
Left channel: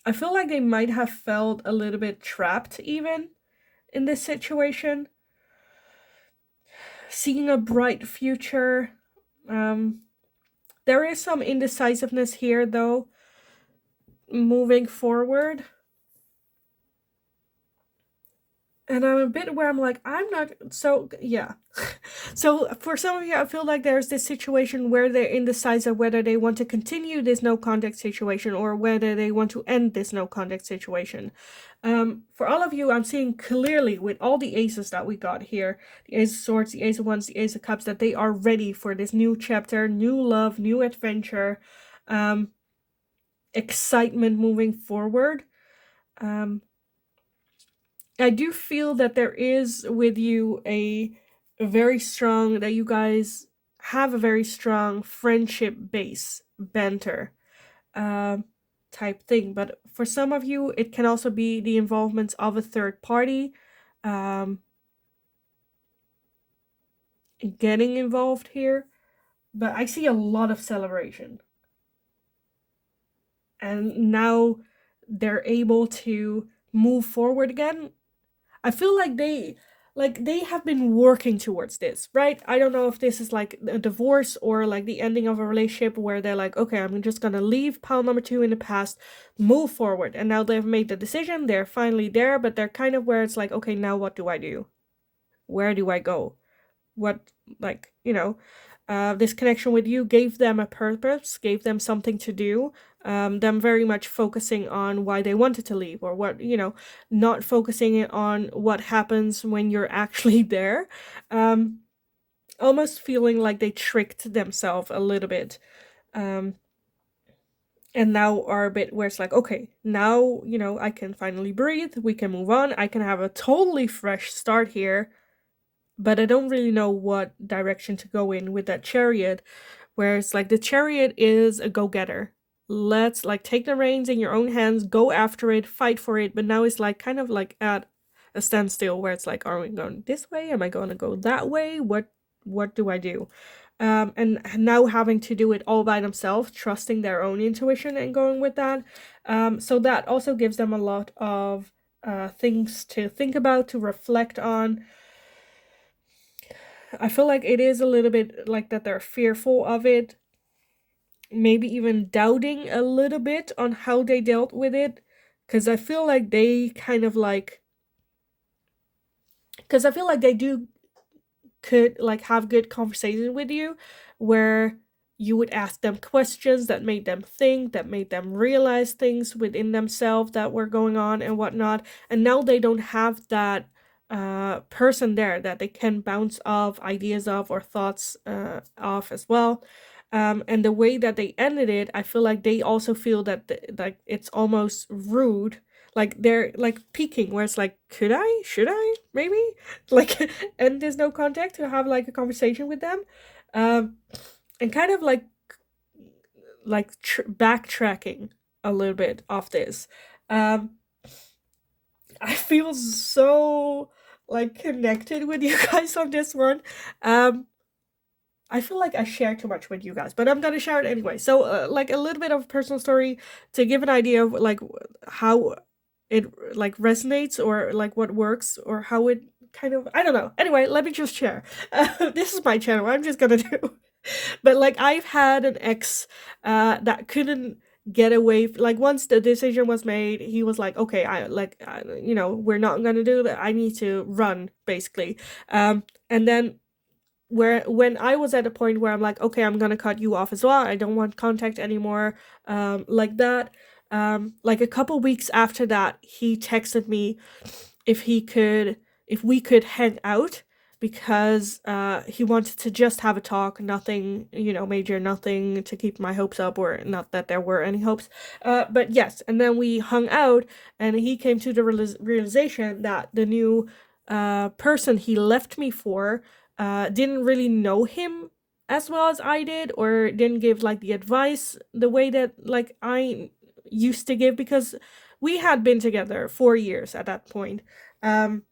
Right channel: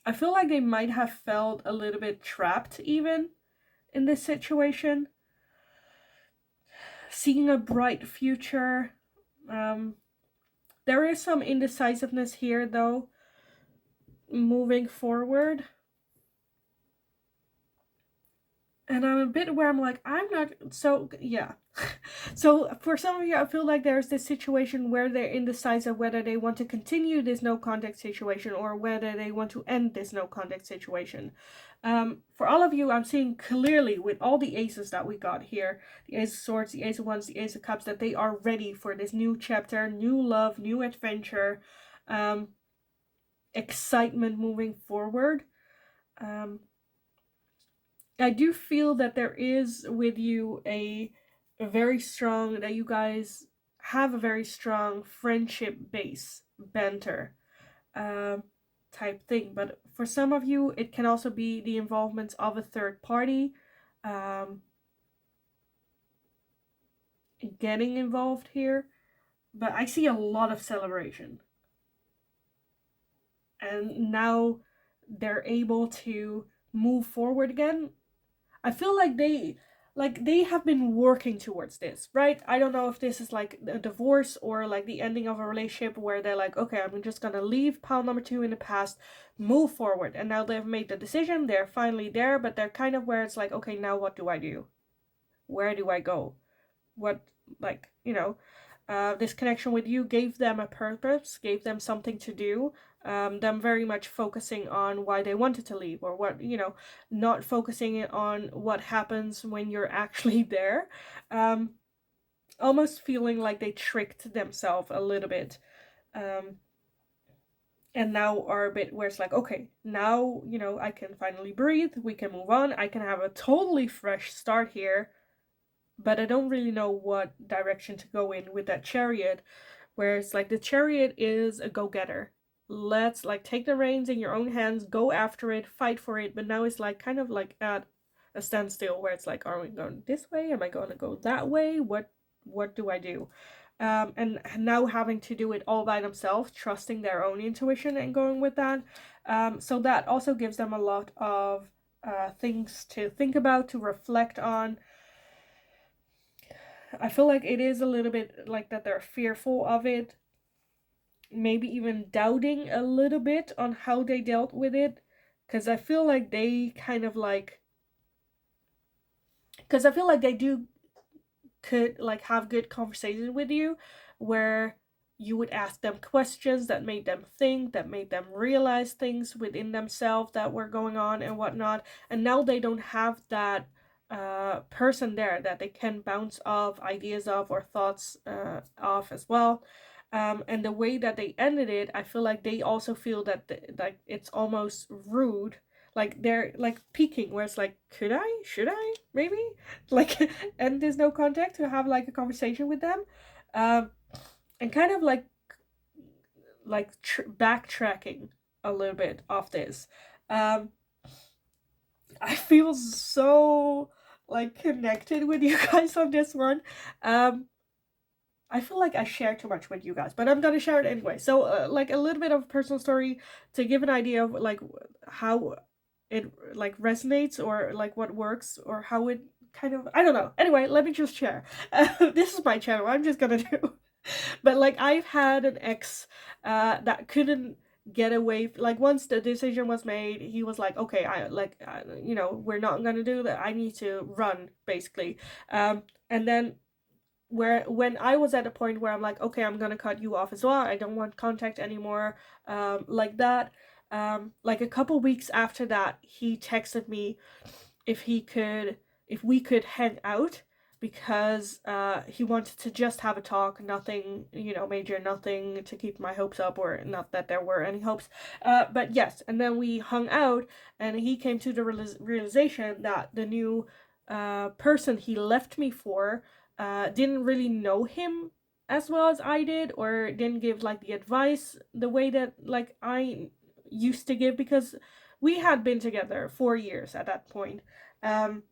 I feel like they might have felt a little bit trapped even in this situation. Seeing a bright future. There is some indecisiveness here though, moving forward. And I'm a bit where I'm like, I'm not, so, yeah. So for some of you, I feel like there's this situation where they're indecisive whether they want to continue this no contact situation or whether they want to end this no contact situation. For all of you, I'm seeing clearly with all the aces that we got here, the Ace of Swords, the Ace of Wands, the Ace of Cups, that they are ready for this new chapter, new love, new adventure, excitement moving forward. I do feel that there is with you a very strong, that you guys have a very strong friendship base, banter type thing. But for some of you, it can also be the involvement of a third party getting involved here. But I see a lot of celebration. And now they're able to move forward again. I feel like they have been working towards this, right? I don't know if this is like a divorce or like the ending of a relationship where they're like, okay, I'm just gonna leave pile number two in the past, move forward. And now they've made the decision, they're finally there, but they're kind of where it's like, okay, now what do I do? Where do I go? What, like, this connection with you gave them a purpose, gave them something to do, them very much focusing on why they wanted to leave, or what, not focusing on what happens when you're actually there. um, Almost feeling like they tricked themselves a little bit, um, and now are a bit where it's like, okay, now, I can finally breathe, we can move on, I can have a totally fresh start here, but I don't really know what direction to go in with that chariot. Whereas like the chariot is a go-getter. Let's like take the reins in your own hands, go after it, fight for it. But now it's like kind of like at a standstill where it's like, are we going this way? Am I going to go that way? What do I do? And now having to do it all by themselves, trusting their own intuition and going with that. So that also gives them a lot of things to think about, to reflect on. I feel like it is a little bit like that they're fearful of it, maybe even doubting a little bit on how they dealt with it. Because I feel like they kind of like, because I feel like they do could like have good conversations with you where you would ask them questions that made them think, that made them realize things within themselves that were going on and whatnot. And now they don't have that person there that they can bounce off ideas of or thoughts off as well. And the way that they ended it, I feel like they also feel that like it's almost rude, like they're like peeking where it's like, could I, should I, maybe, like, and there's no contact to have like a conversation with them, um and kind of like backtracking a little bit off this. um I feel so like connected with you guys on this one. I feel like I share too much with you guys, but I'm gonna share it anyway. So, like a little bit of personal story to give an idea of like how it like resonates or like what works or how it kind of, I don't know. Anyway, let me just share. This is my channel. I'm just gonna do. But like I've had an ex that couldn't get away. Like once the decision was made, he was like, okay, we're not gonna do that. I need to run, basically. And then where when I was at a point where I'm like, okay, I'm gonna cut you off as well. I don't want contact anymore. Like that. Like a couple weeks after that, he texted me if he could, if we could hang out because he wanted to just have a talk, nothing, major, nothing to keep my hopes up, or not that there were any hopes. But yes, and then we hung out, and he came to the realization that the new person he left me for didn't really know him as well as I did, or didn't give like the advice the way that like I used to give, because we had been together 4 years at that point. Um,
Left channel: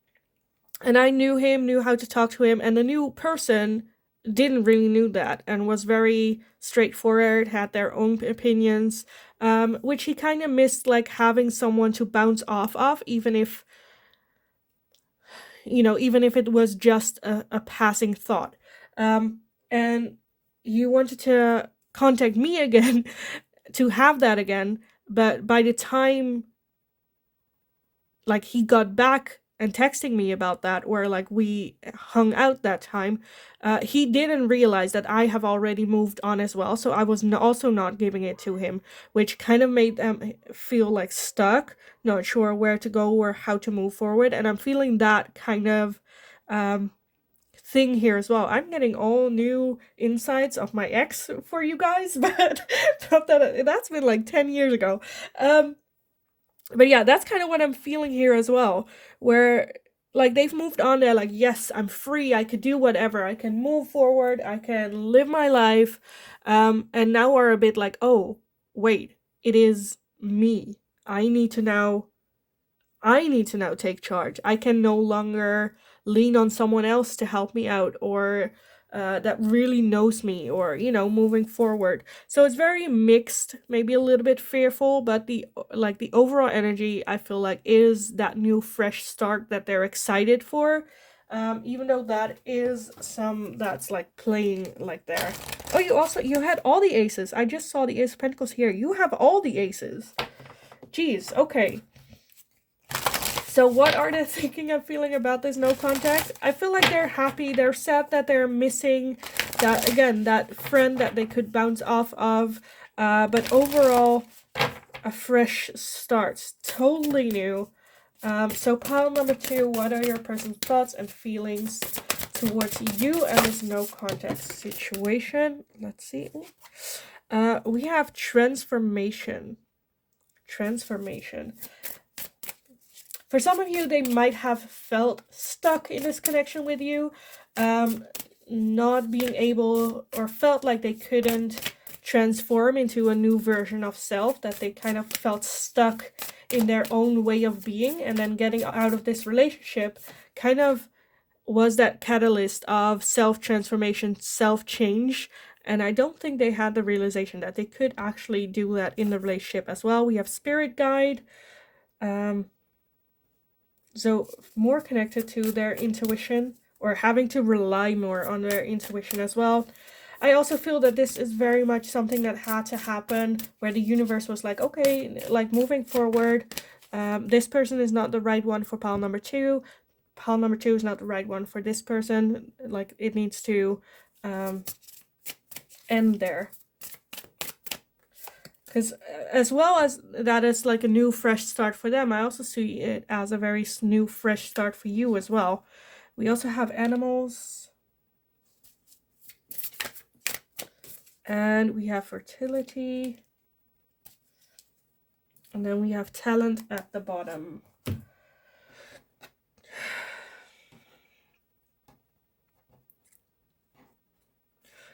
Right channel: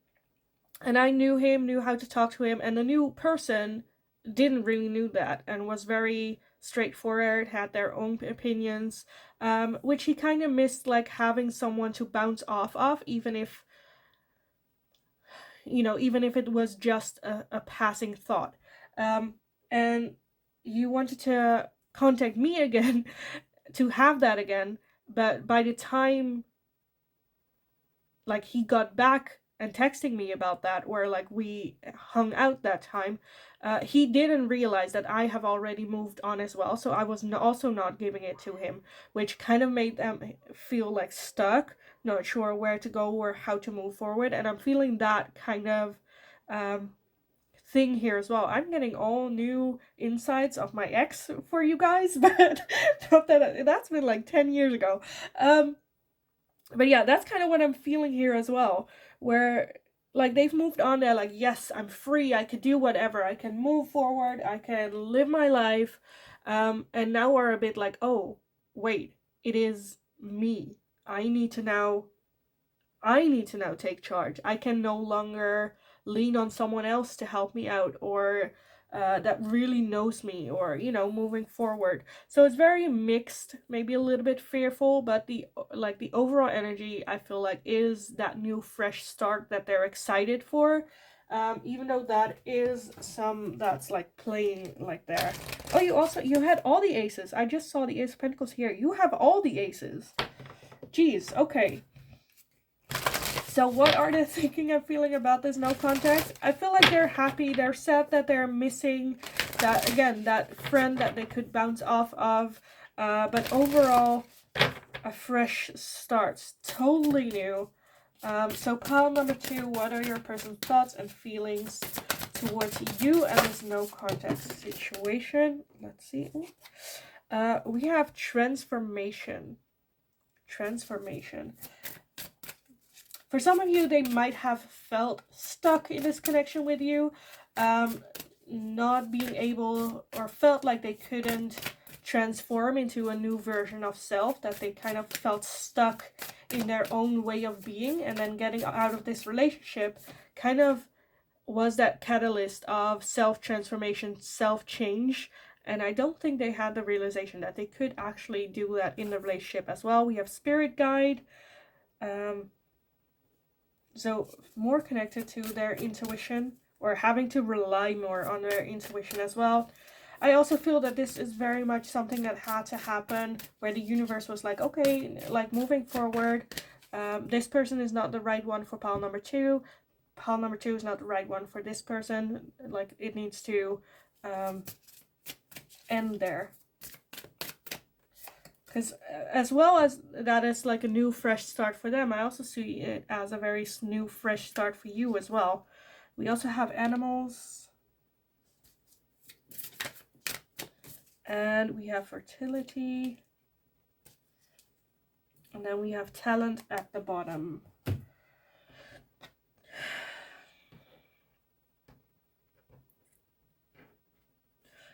and I knew him, knew how to talk to him, and the new person didn't really knew that and was very straightforward, had their own opinions, which he kind of missed, like having someone to bounce off of, even if even if it was just a passing thought. And you wanted to contact me again to have that again, but by the time like he got back and texting me about that, or like we hung out that time, he didn't realize that I have already moved on as well, so I was also not giving it to him, which kind of made them feel like stuck, not sure where to go or how to move forward. And I'm feeling that kind of um thing here as well. I'm getting all new insights of my ex for you guys, but not that that's been like 10 years ago. But yeah, that's kind of what I'm feeling here as well, where like they've moved on. They're like, yes, I'm free, I could do whatever, I can move forward, I can live my life. And now we're a bit like, oh wait, it is me. I need to now take charge. I can no longer lean on someone else to help me out, or that really knows me, or moving forward. So it's very mixed, maybe a little bit fearful, but the overall energy, I feel like, is that new fresh start that they're excited for. Even though that is some that's like playing like there. Oh, you had all the aces. I just saw the Ace of Pentacles here. You have all the aces. Jeez, okay. So what are they thinking and feeling about this no contact? I feel like they're happy. They're sad that they're missing that, again, that friend that they could bounce off of. But overall, a fresh start. Totally new. So pile number 2, what are your person's thoughts and feelings towards you and this no contact situation? Let's see. We have transformation. Transformation. For some of you, they might have felt stuck in this connection with you, not being able, or felt like they couldn't transform into a new version of self, that they kind of felt stuck in their own way of being, and then getting out of this relationship kind of was that catalyst of self-transformation, self-change. And I don't think they had the realization that they could actually do that in the relationship as well. We have spirit guide. So more connected to their intuition, or having to rely more on their intuition as well. I also feel that this is very much something that had to happen, where the universe was like, okay, like moving forward, this person is not the right one for pile number 2. Pile number 2 is not the right one for this person. Like, it needs to end there. Because as well as that is like a new fresh start for them, I also see it as a very new fresh start for you as well. We also have animals. And we have fertility. And then we have talent at the bottom.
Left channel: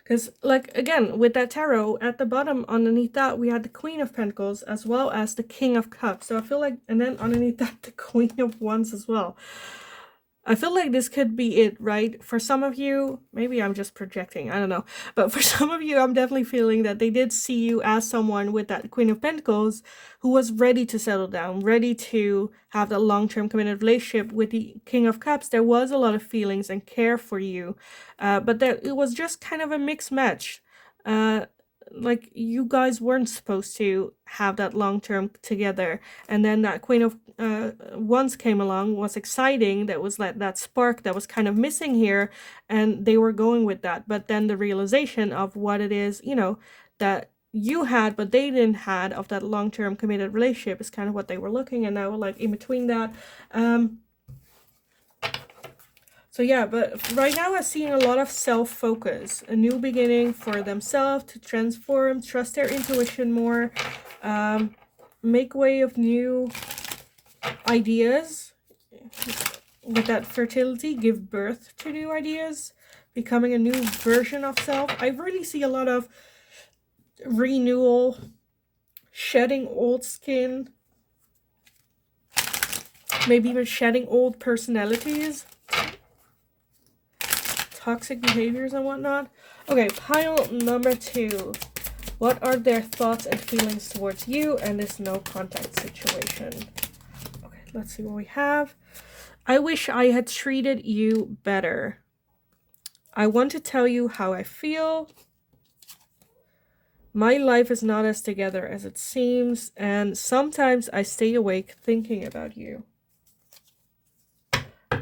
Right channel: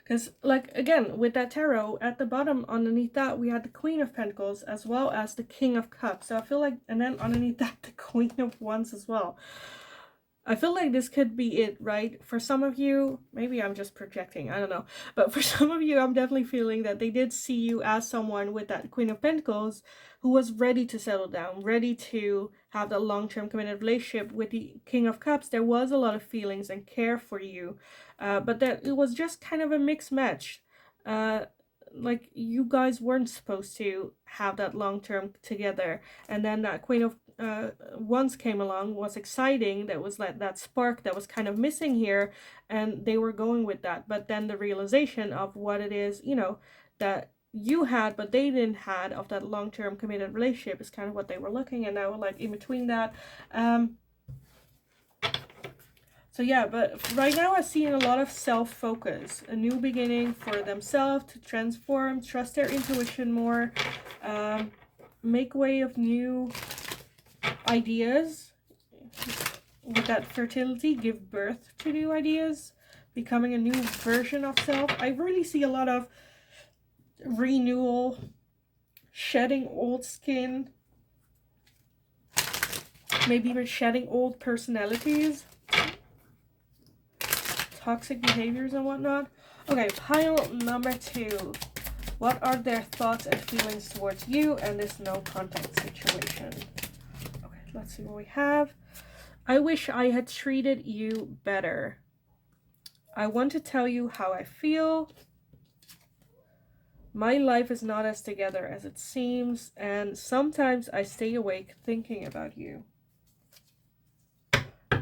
Because, like, again, with that tarot, at the bottom, underneath that, we had the Queen of Pentacles, as well as the King of Cups. So I feel like, and then underneath that, the Queen of Wands as well. I feel like this could be it, right? For some of you, maybe I'm just projecting, I don't know. But for some of you, I'm definitely feeling that they did see you as someone with that Queen of Pentacles who was ready to settle down, ready to have that long-term committed relationship. With the King of Cups, there was a lot of feelings and care for you. But it was just kind of a mixed match. Like, you guys weren't supposed to have that long-term together, and then that Queen of Wands came along, was exciting. That was like that spark that was kind of missing here, and they were going with that. But then the realization of what it is, that you had but they didn't had, of that long-term committed relationship, is kind of what they were looking. And now, like, in between that, so yeah, but right now I'm seeing a lot of self-focus, a new beginning for themselves, to transform, trust their intuition more, make way of new ideas. With that fertility, give birth to new ideas, becoming a new version of self. I really see a lot of renewal, shedding old skin, maybe even shedding old personalities, toxic behaviors and whatnot. Okay, pile number 2. What are their thoughts and feelings towards you and this no contact situation? Okay, let's see what we have. I wish I had treated you better. I want to tell you how I feel. My life is not as together as it seems, and sometimes I stay awake thinking about you.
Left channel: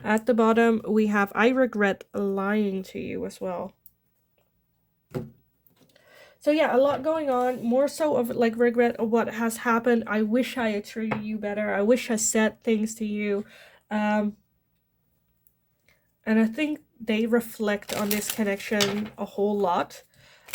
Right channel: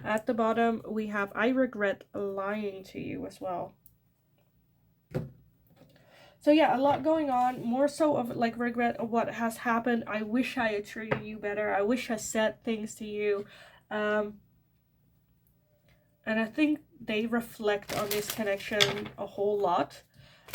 At the bottom, we have, I regret lying to you as well. So yeah, a lot going on, more so of like regret of what has happened. I wish I had treated you better. I wish I said things to you. And I think they reflect on this connection a whole lot.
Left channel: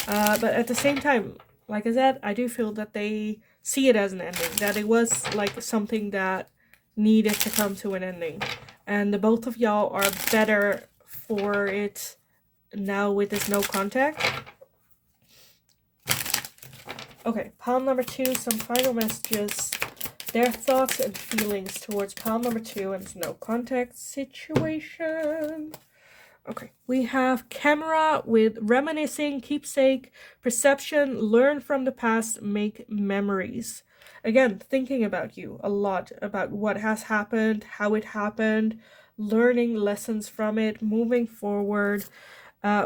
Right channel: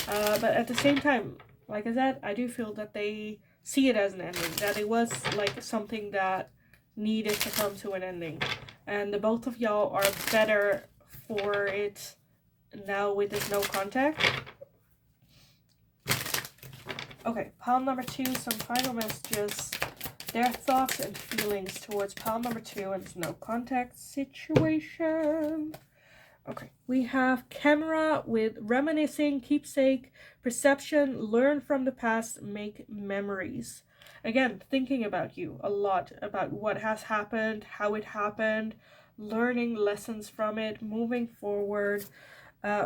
But at the same time, like I said, I do feel that they see it as an ending, that it was like something that needed to come to an ending. And the both of y'all are better for it now with this no contact. Okay, pile number 2, some final messages. Their thoughts and feelings towards pile number 2 and this no contact situation. Okay, we have camera with reminiscing, keepsake, perception, learn from the past, make memories. Again, thinking about you a lot, about what has happened, how it happened, learning lessons from it, moving forward.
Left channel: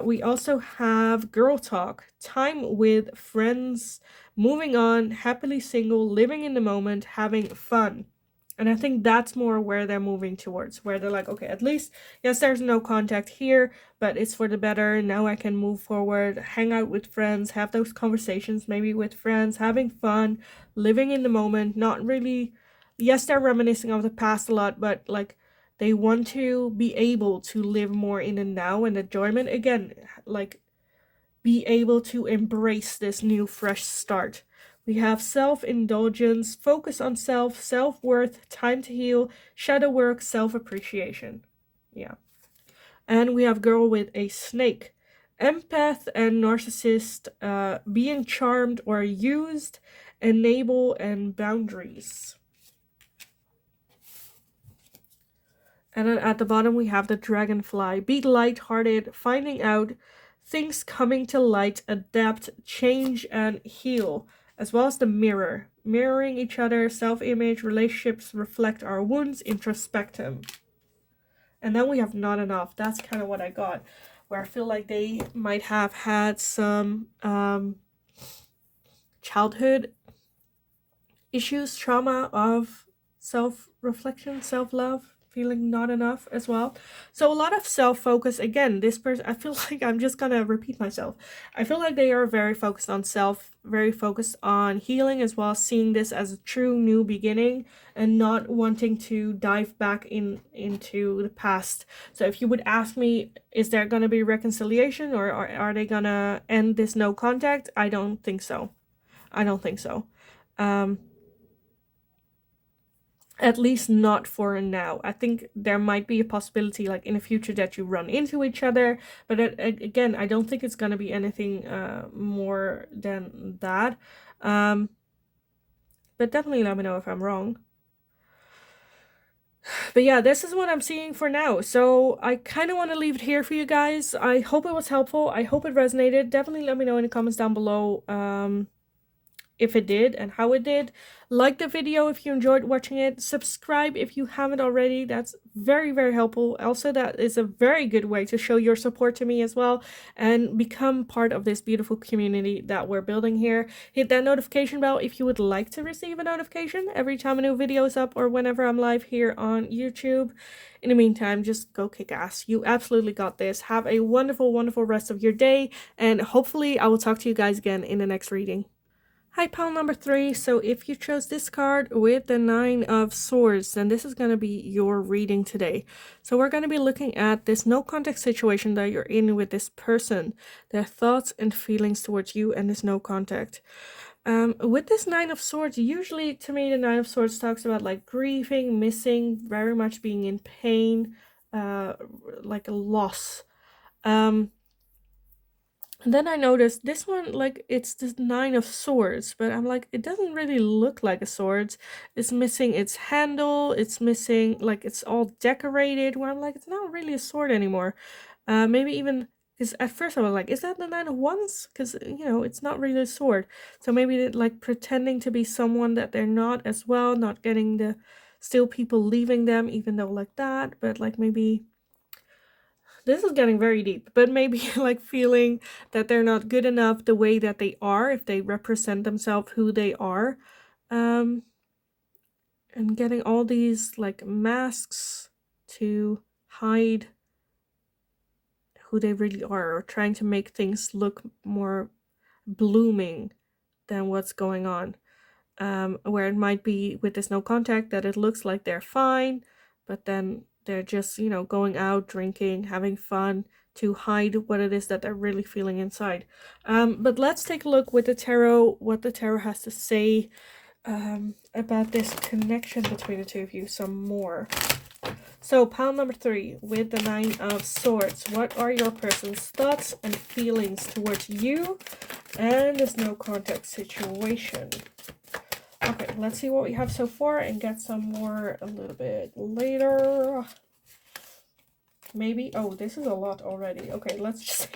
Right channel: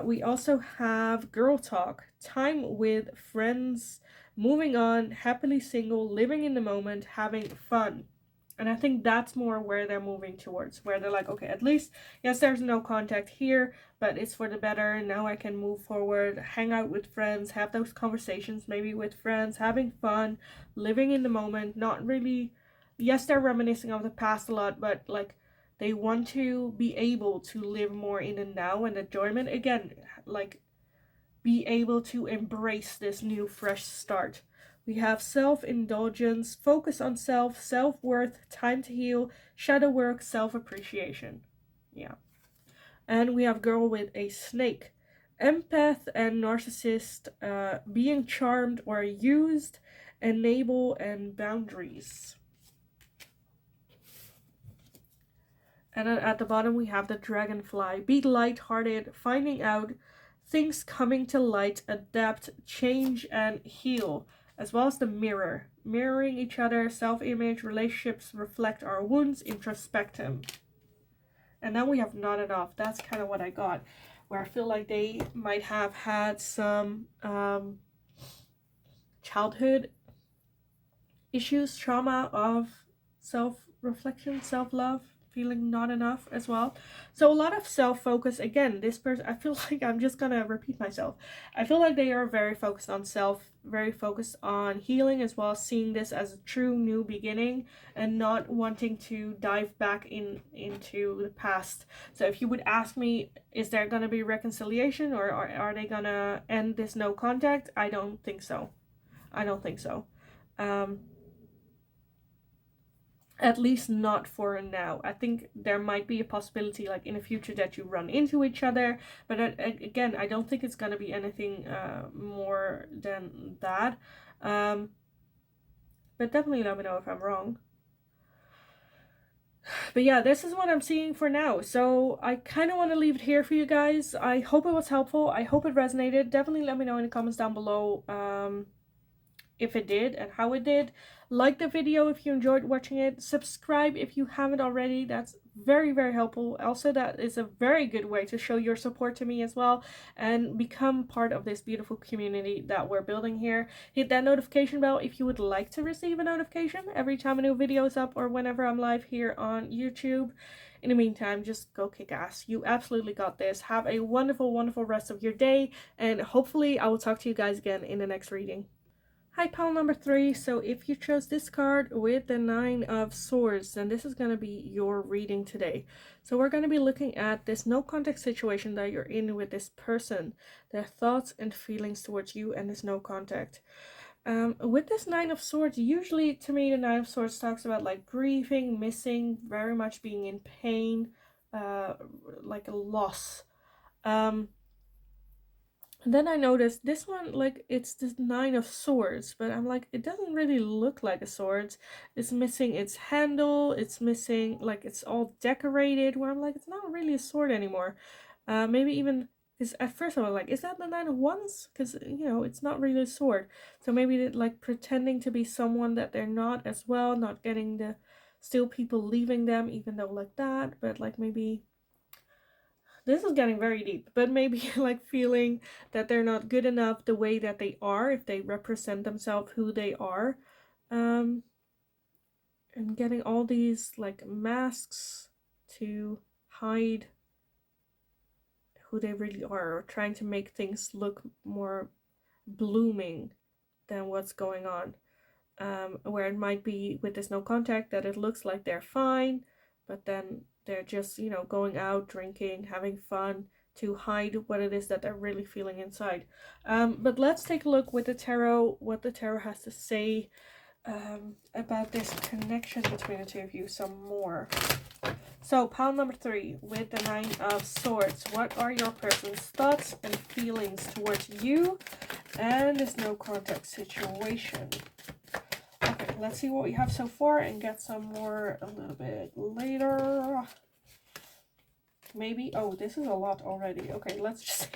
We also have girl talk, time with friends, moving on, happily single, living in the moment, having fun. And I think that's more where they're moving towards, where they're like, okay, at least, yes, there's no contact here, but it's for the better. Now I can move forward, hang out with friends, have those conversations maybe with friends, having fun, living in the moment, not really, yes, they're reminiscing of the past a lot, but like they want to be able to live more in the now and enjoyment again, like be able to embrace this new fresh start. We have self-indulgence, focus on self, self-worth, time to heal, shadow work, self-appreciation. Yeah. And we have girl with a snake. Empath and narcissist, being charmed or used, enable, and boundaries. And then at the bottom we have the dragonfly. Be light-hearted, finding out, things coming to light, adapt, change, and heal. As well as the mirror. Mirroring each other, self-image, relationships reflect our wounds, introspect them. And then we have not enough. That's kind of what I got. Where I feel like they might have had some childhood issues, trauma of self-reflection, self-love, feeling not enough as well. So a lot of self-focus. Again, this person, I feel like I'm just gonna repeat myself. I feel like they are very focused on self, very focused on healing as well, seeing this as a true new beginning and not wanting to dive back into the past. So if you would ask me, is there gonna be reconciliation, or are they gonna end this no contact? I don't think so. I don't think so. At least not for now. I think there might be a possibility like in the future that you run into each other, but again, I don't think it's going to be anything more than that. But definitely let me know if I'm wrong. But yeah, this is what I'm seeing for now. So I kind of want to leave it here for you guys. I hope it was helpful. I hope it resonated. Definitely let me know in the comments down below if it did and how it did. Like the video if you enjoyed watching it. Subscribe if you haven't already. That's very, very helpful. Also, that is a very good way to show your support to me as well and become part of this beautiful community that we're building here. Hit that notification bell if you would like to receive a notification every time a new video is up or whenever I'm live here on YouTube. In the meantime, just go kick ass. You absolutely got this. Have a wonderful, wonderful rest of your day, and hopefully I will talk to you guys again in the next reading. Hi, pile number 3. So if you chose this card with the 9 of Swords, then this is going to be your reading today. So we're going to be looking at this no contact situation that you're in with this person, their thoughts and feelings towards you and this no contact. With this 9 of Swords, usually to me the 9 of Swords talks about like grieving, missing, very much being in pain, like a loss. And then I noticed this one, like, it's this 9 of Swords, but I'm like, it doesn't really look like a sword. It's missing its handle, it's missing, like, it's all decorated, where I'm like, it's not really a sword anymore. Maybe even, because at first I was like, is that the 9 of Wands? Because, you know, it's not really a sword. So maybe they're, like, pretending to be someone that they're not as well, not getting the, still people leaving them, even though like that, but, like, maybe... This is getting very deep, but maybe like feeling that they're not good enough the way that they are, if they represent themselves who they are, and getting all these like masks to hide who they really are, or trying to make things look more blooming than what's going on. Where it might be with this no contact that it looks like they're fine, but then they're just, you know, going out, drinking, having fun to hide what it is that they're really feeling inside. But let's take a look with the tarot, what the tarot has to say about this connection between the two of you some more. So pile number 3 with the 9 of Swords. What are your person's thoughts and feelings towards you and this no contact situation? Okay, let's see what we have so far and get some more a little bit later. maybe. Oh, this is a lot already. Okay, let's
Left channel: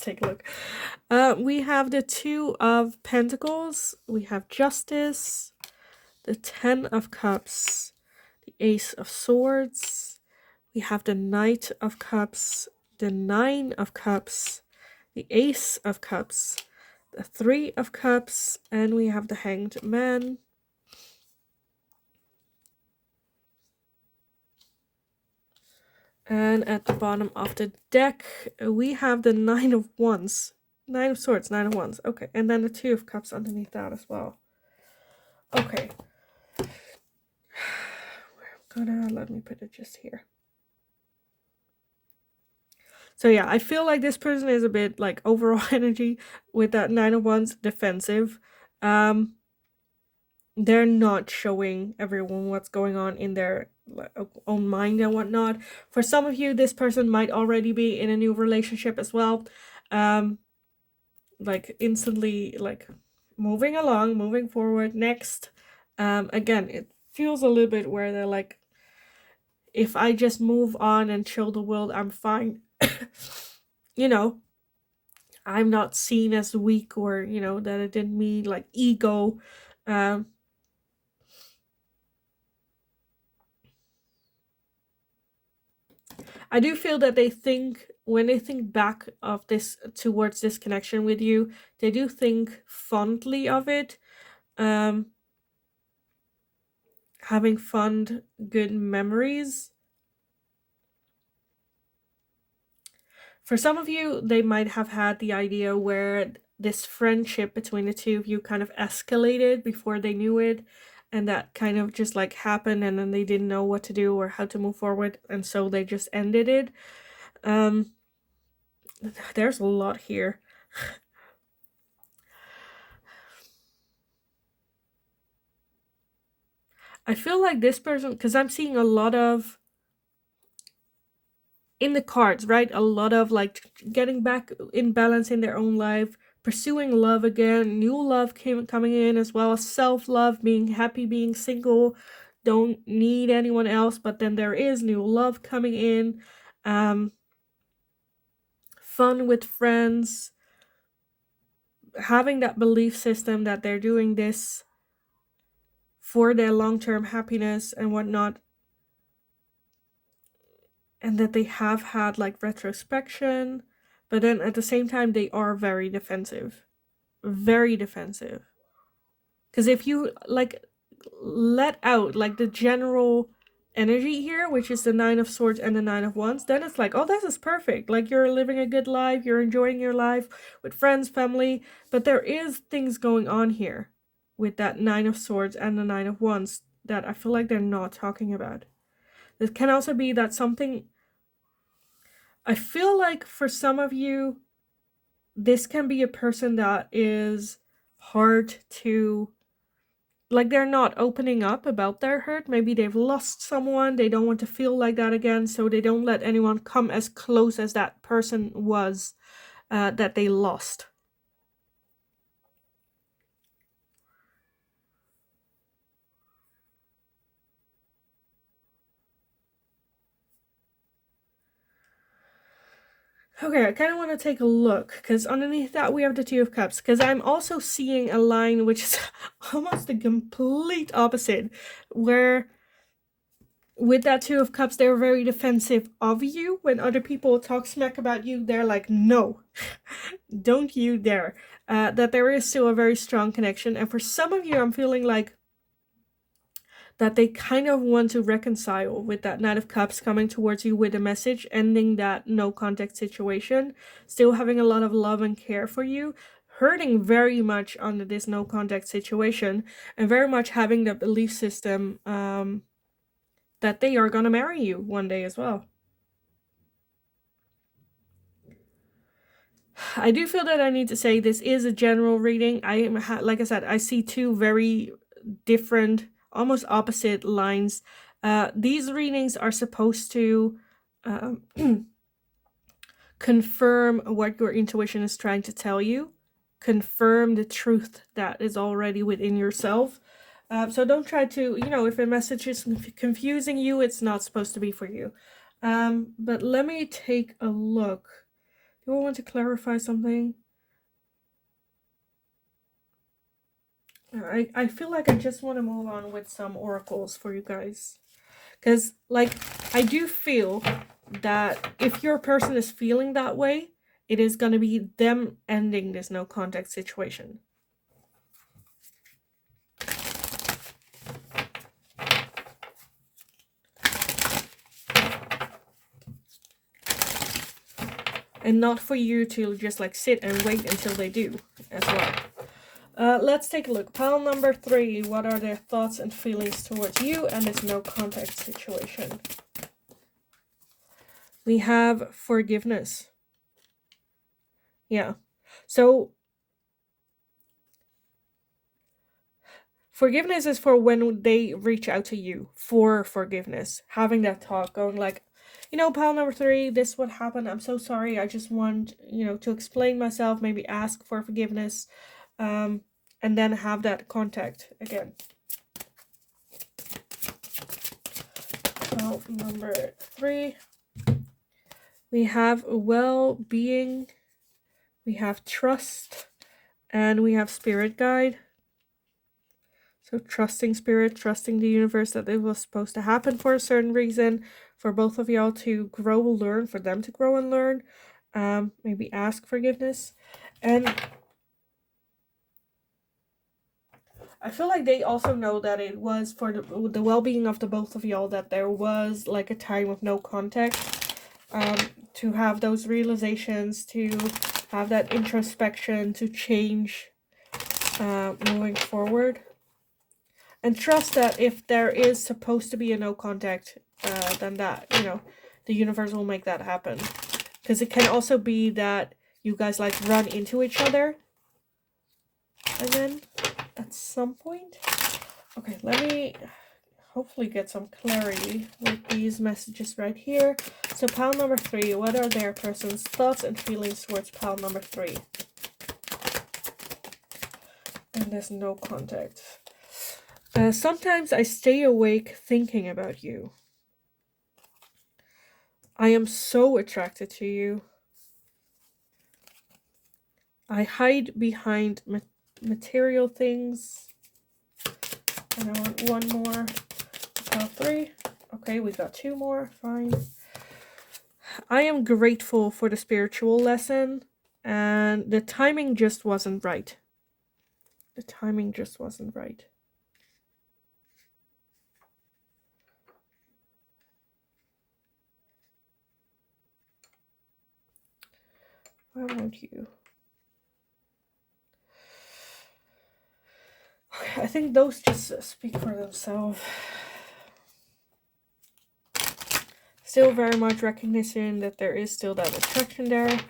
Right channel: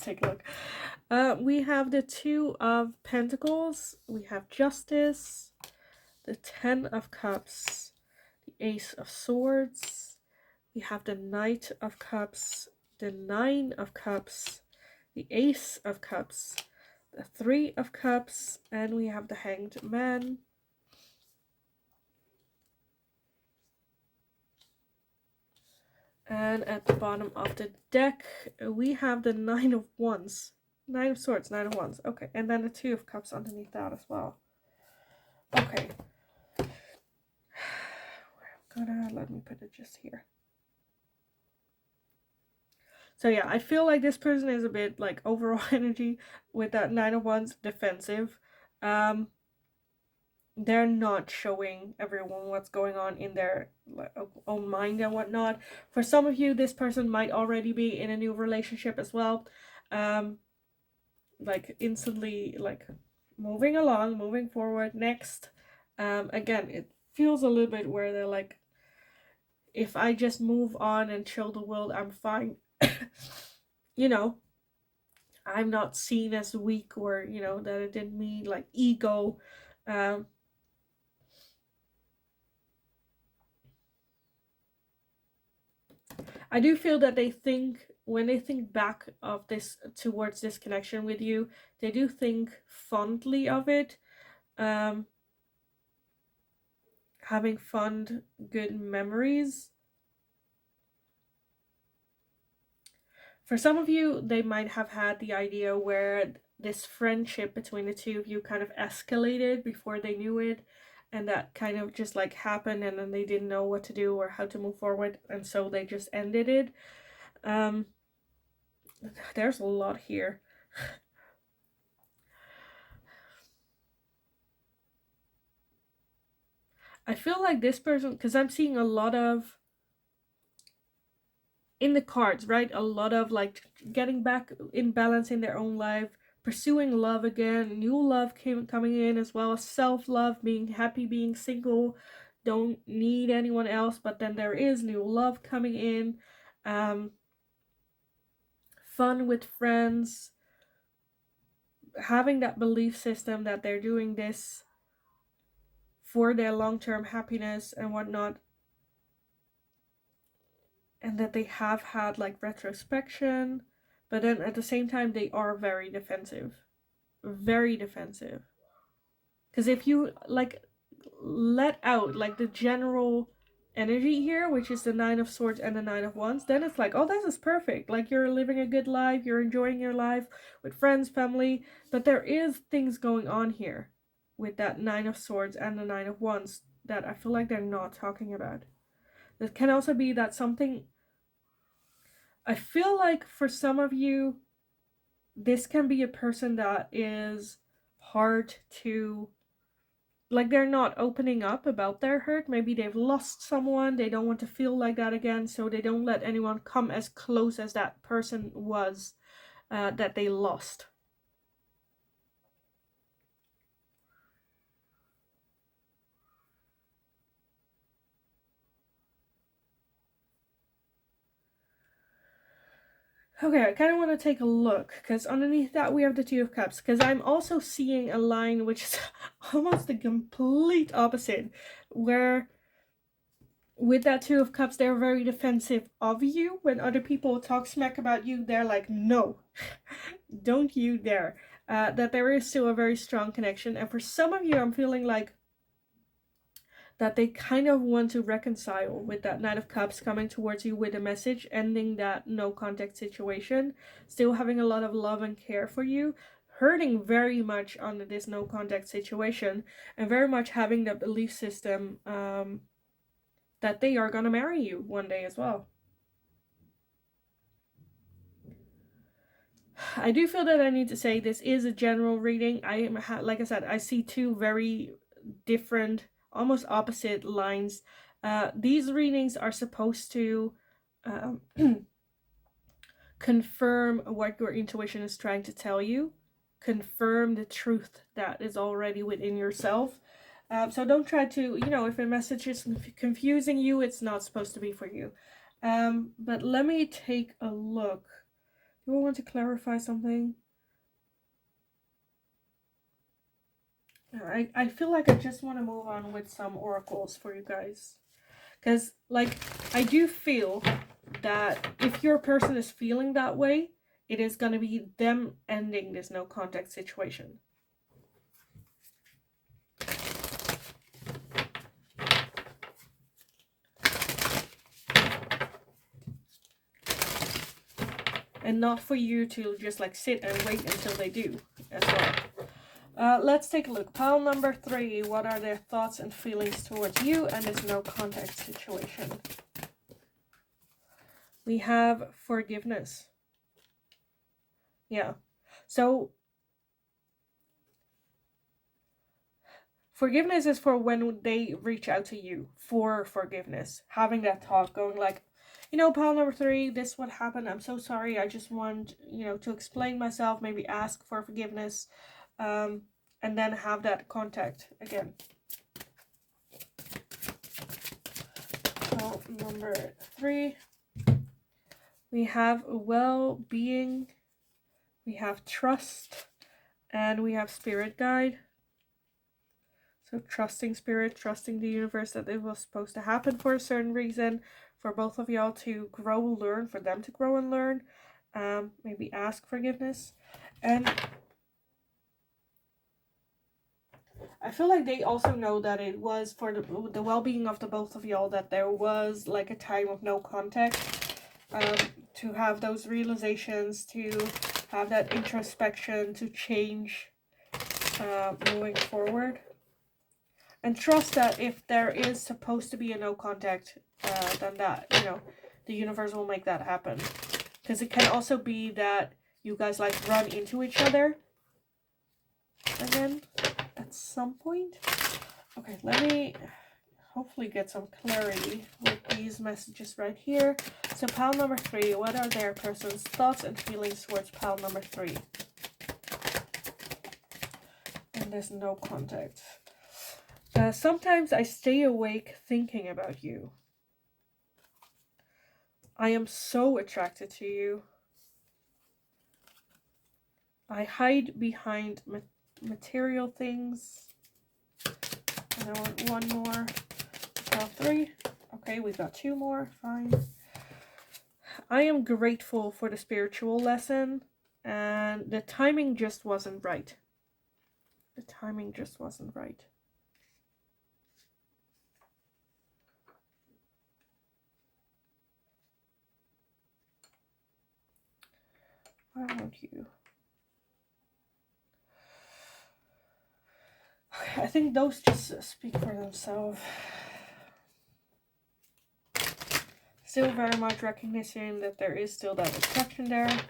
take a look. We have the Two of Pentacles. We have Justice, the Ten of Cups, the Ace of Swords. We have the Knight of Cups, the Nine of Cups, the Ace of Cups, the Three of Cups, and we have the Hanged Man. And at the bottom of the deck, we have the Nine of Wands. Nine of Swords, Nine of Wands. Okay, and then the Two of Cups underneath that as well. Okay. Let me put it just here. So yeah, I feel like this person is a bit like overall energy with that Nine of Wands, defensive. They're not showing everyone what's going on in their own mind and whatnot. For some of you, this person might already be in a new relationship as well. Like instantly like moving along, moving forward. Next, again, it feels a little bit where they're like, if I just move on and chill the world, I'm fine. You know, I'm not seen as weak, or you know, that it didn't mean like ego. I do feel that they think, when they think back of this, towards this connection with you, they do think fondly of it. Having fond, good memories. For some of you, they might have had the idea where this friendship between the two of you kind of escalated before they knew it, and that kind of just like happened, and then they didn't know what to do or how to move forward, and so they just ended it. There's a lot here. I feel like this person, because I'm seeing a lot of, in the cards, right? A lot of like getting back in balance in their own life, pursuing love again, new love coming in, as well as self-love, being happy, being single, don't need anyone else, but then there is new love coming in, fun with friends, having that belief system that they're doing this for their long-term happiness and whatnot, and that they have had like retrospection, but then at the same time they are very defensive. Very defensive. Because if you like let out like the general energy here, which is the Nine of Swords and the Nine of Wands, then it's like, oh, this is perfect. Like you're living a good life, you're enjoying your life with friends, family, but there is things going on here with that Nine of Swords and the Nine of Wands that I feel like they're not talking about. It can also be that something, I feel like for some of you, this can be a person that is hard to, like, they're not opening up about their hurt. Maybe they've lost someone, they don't want to feel like that again, so they don't let anyone come as close as that person was that they lost. Okay, I kind of want to take a look, because underneath that we have the Two of Cups, because I'm also seeing a line which is almost the complete opposite, where with that Two of Cups, they're very defensive of you. When other people talk smack about you, they're like, no, don't you dare. That there is still a very strong connection. And for some of you, I'm feeling like that they kind of want to reconcile with that Knight of Cups coming towards you with a message, ending that no contact situation, still having a lot of love and care for you, hurting very much under this no contact situation, and very much having the belief system that they are gonna marry you one day as well. I do feel that I need to say this is a general reading. I am, like I said, I see two very different, almost opposite lines. These readings are supposed to confirm what your intuition is trying to tell you, confirm the truth that is already within yourself. So don't try to, if a message is confusing you, it's not supposed to be for you. But let me take a look. Do I want to clarify something? I feel like I just want to move on with some oracles for you guys. Because, like, I do feel that if your person is feeling that way, it is going to be them ending this no contact situation. And not for you to just like sit and wait until they do as well. Let's take a look. Pile number 3. What are their thoughts and feelings towards you and this no contact situation? We have forgiveness. Yeah. So forgiveness is for when they reach out to you for forgiveness. Having that talk, going like, pile number 3, this is what happened. I'm so sorry. I just want, to explain myself, maybe ask for forgiveness, and then have that contact again. Pile number 3. We have well-being, we have trust, and we have spirit guide. So trusting spirit, trusting the universe that it was supposed to happen for a certain reason, for both of y'all to grow and learn, for them to grow and learn, maybe ask forgiveness. And I feel like they also know that it was for the well-being of the both of y'all that there was like a time of no contact, to have those realizations, to have that introspection, to change, moving forward. And trust that if there is supposed to be a no contact, then that, the universe will make that happen. Because it can also be that you guys like run into each other again at some point. Okay, let me hopefully get some clarity with these messages right here. So pile number 3, what are their person's thoughts and feelings towards pile number 3? And there's no contact. Sometimes I stay awake thinking about you. I am so attracted to you. I hide behind material things. And I want one more. Pile 3. Okay, we got 2 more. Fine. I am grateful for the spiritual lesson, and the timing just wasn't right. The timing just wasn't right. Why won't you? Okay, I think those just speak for themselves. Still very much recognition that there is still that attraction there.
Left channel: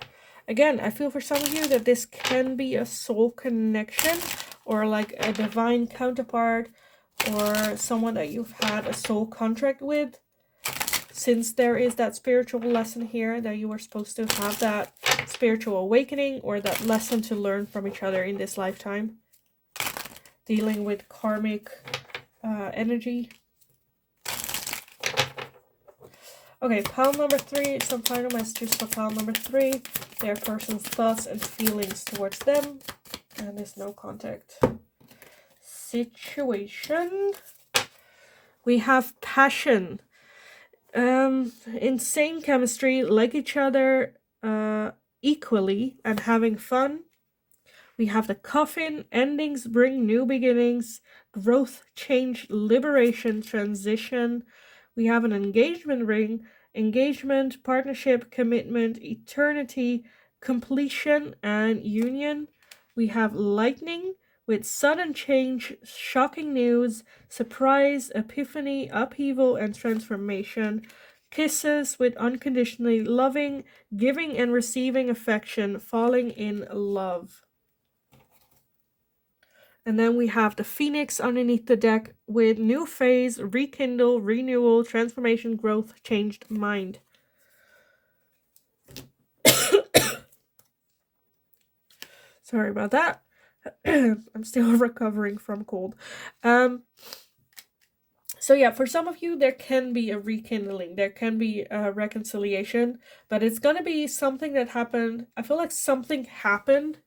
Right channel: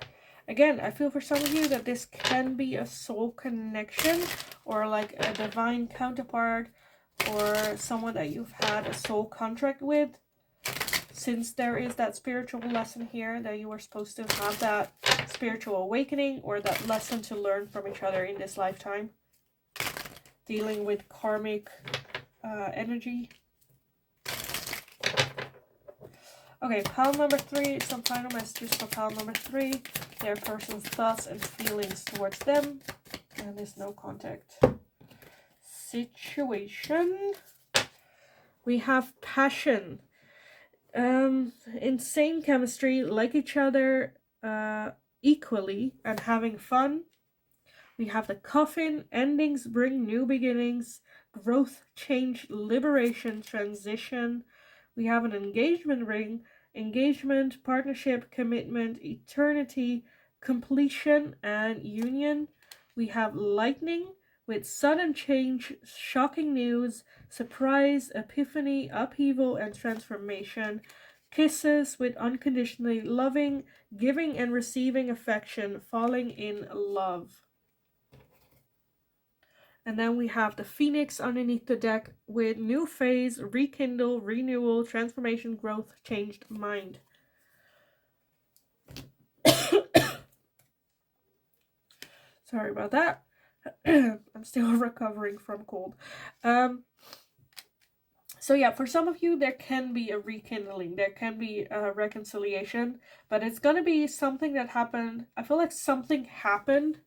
Again, I feel for some of you that this can be a soul connection, or like a divine counterpart, or someone that you've had a soul contract with. Since there is that spiritual lesson here that you were supposed to have that spiritual awakening or that lesson to learn from each other in this lifetime. Dealing with karmic energy. Okay, pile number 3, some final messages for pile number 3. Their person's thoughts and feelings towards them. And there's no contact. Situation. We have passion. Insane chemistry, like each other equally and having fun. We have the coffin. Endings bring new beginnings. Growth, change, liberation, transition. We have an engagement ring. Engagement, partnership, commitment, eternity, completion, and union. We have lightning with sudden change, shocking news, surprise, epiphany, upheaval, and transformation. Kisses with unconditionally loving, giving and receiving affection, falling in love. And then we have the Phoenix underneath the deck with new phase, rekindle, renewal, transformation, growth, changed mind. Sorry about that. I'm still recovering from cold. So yeah, for some of you, there can be a rekindling, there can be a reconciliation, but it's gonna be something that happened. I feel like something happened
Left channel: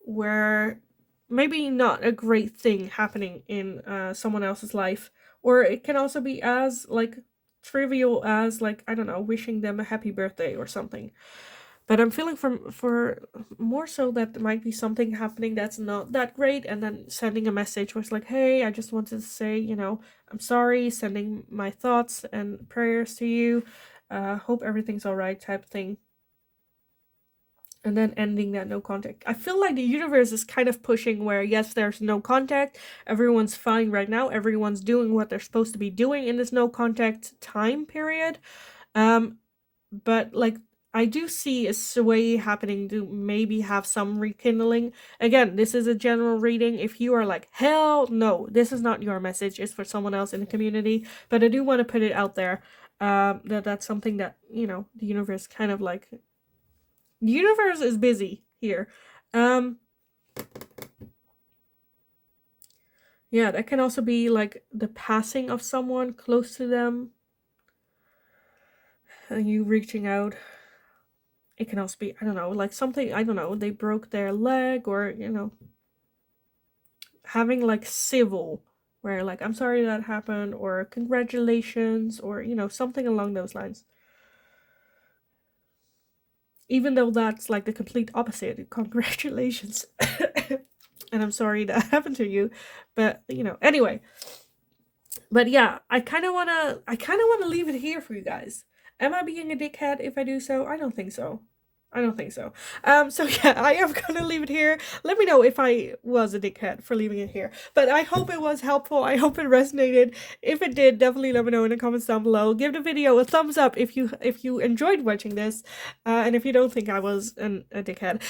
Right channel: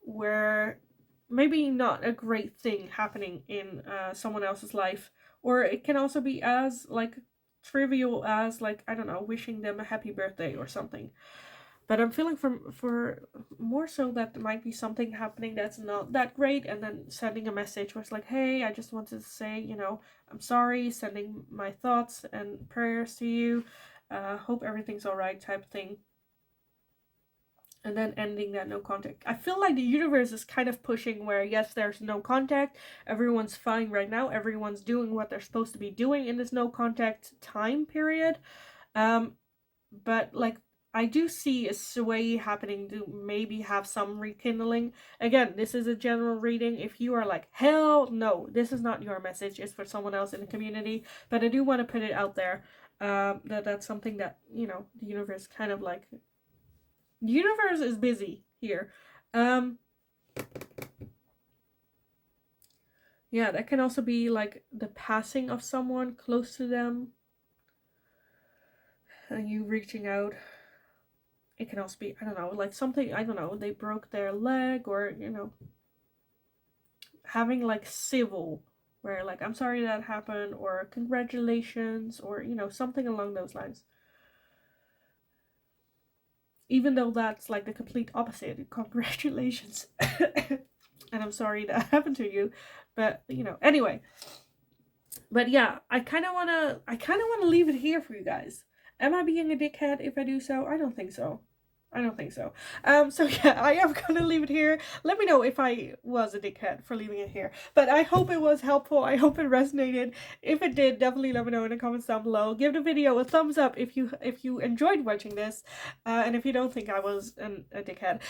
where maybe not a great thing happening in someone else's life, or it can also be as like trivial as, like, I don't know, wishing them a happy birthday or something. But I'm feeling for more so that there might be something happening that's not that great, and then sending a message where it's like, hey, I just wanted to say, I'm sorry, sending my thoughts and prayers to you, hope everything's all right, type thing. And then ending that no contact. I feel like the universe is kind of pushing where, yes, there's no contact, everyone's fine right now, everyone's doing what they're supposed to be doing in this no contact time period. But like, I do see a sway happening to maybe have some rekindling. Again, this is a general reading. If you are like, hell no, this is not your message, it's for someone else in the community. But I do want to put it out there, that's something that, the universe kind of like, the universe is busy here. Yeah, that can also be like the passing of someone close to them, and you reaching out. It can also be, I don't know, like something, I don't know, they broke their leg, or, having like civil, where like, I'm sorry that happened, or congratulations, or, something along those lines. Even though that's like the complete opposite, congratulations. And I'm sorry that happened to you. But, anyway. But yeah, I kind of wanna leave it here for you guys. Am I being a dickhead if I do so? I don't think so. I don't think so. So yeah, I am gonna leave it here. Let me know if I was a dickhead for leaving it here. But I hope it was helpful. I hope it resonated. If it did, definitely let me know in the comments down below. Give the video a thumbs up if you enjoyed watching this, and if you don't think I was a dickhead.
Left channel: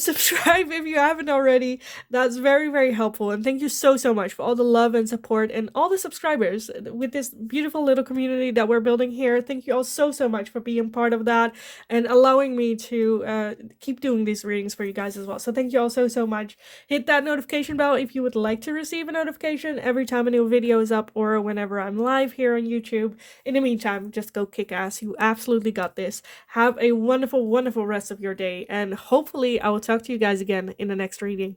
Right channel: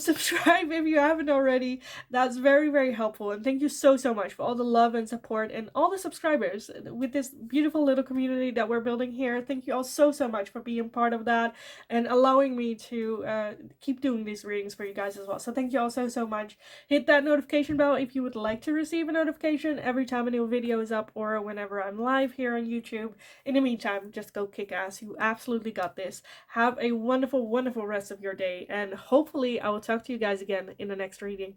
Subscribe if you haven't already. That's very, very helpful. And thank you so, so much for all the love and support and all the subscribers with this beautiful little community that we're building here. Thank you all so, so much for being part of that and allowing me to keep doing these readings for you guys as well. So thank you all so, so much. Hit that notification bell if you would like to receive a notification every time a new video is up, or whenever I'm live here on YouTube. In the meantime, just go kick ass. You absolutely got this. Have a wonderful, wonderful rest of your day, and hopefully I will talk to you guys again in the next reading.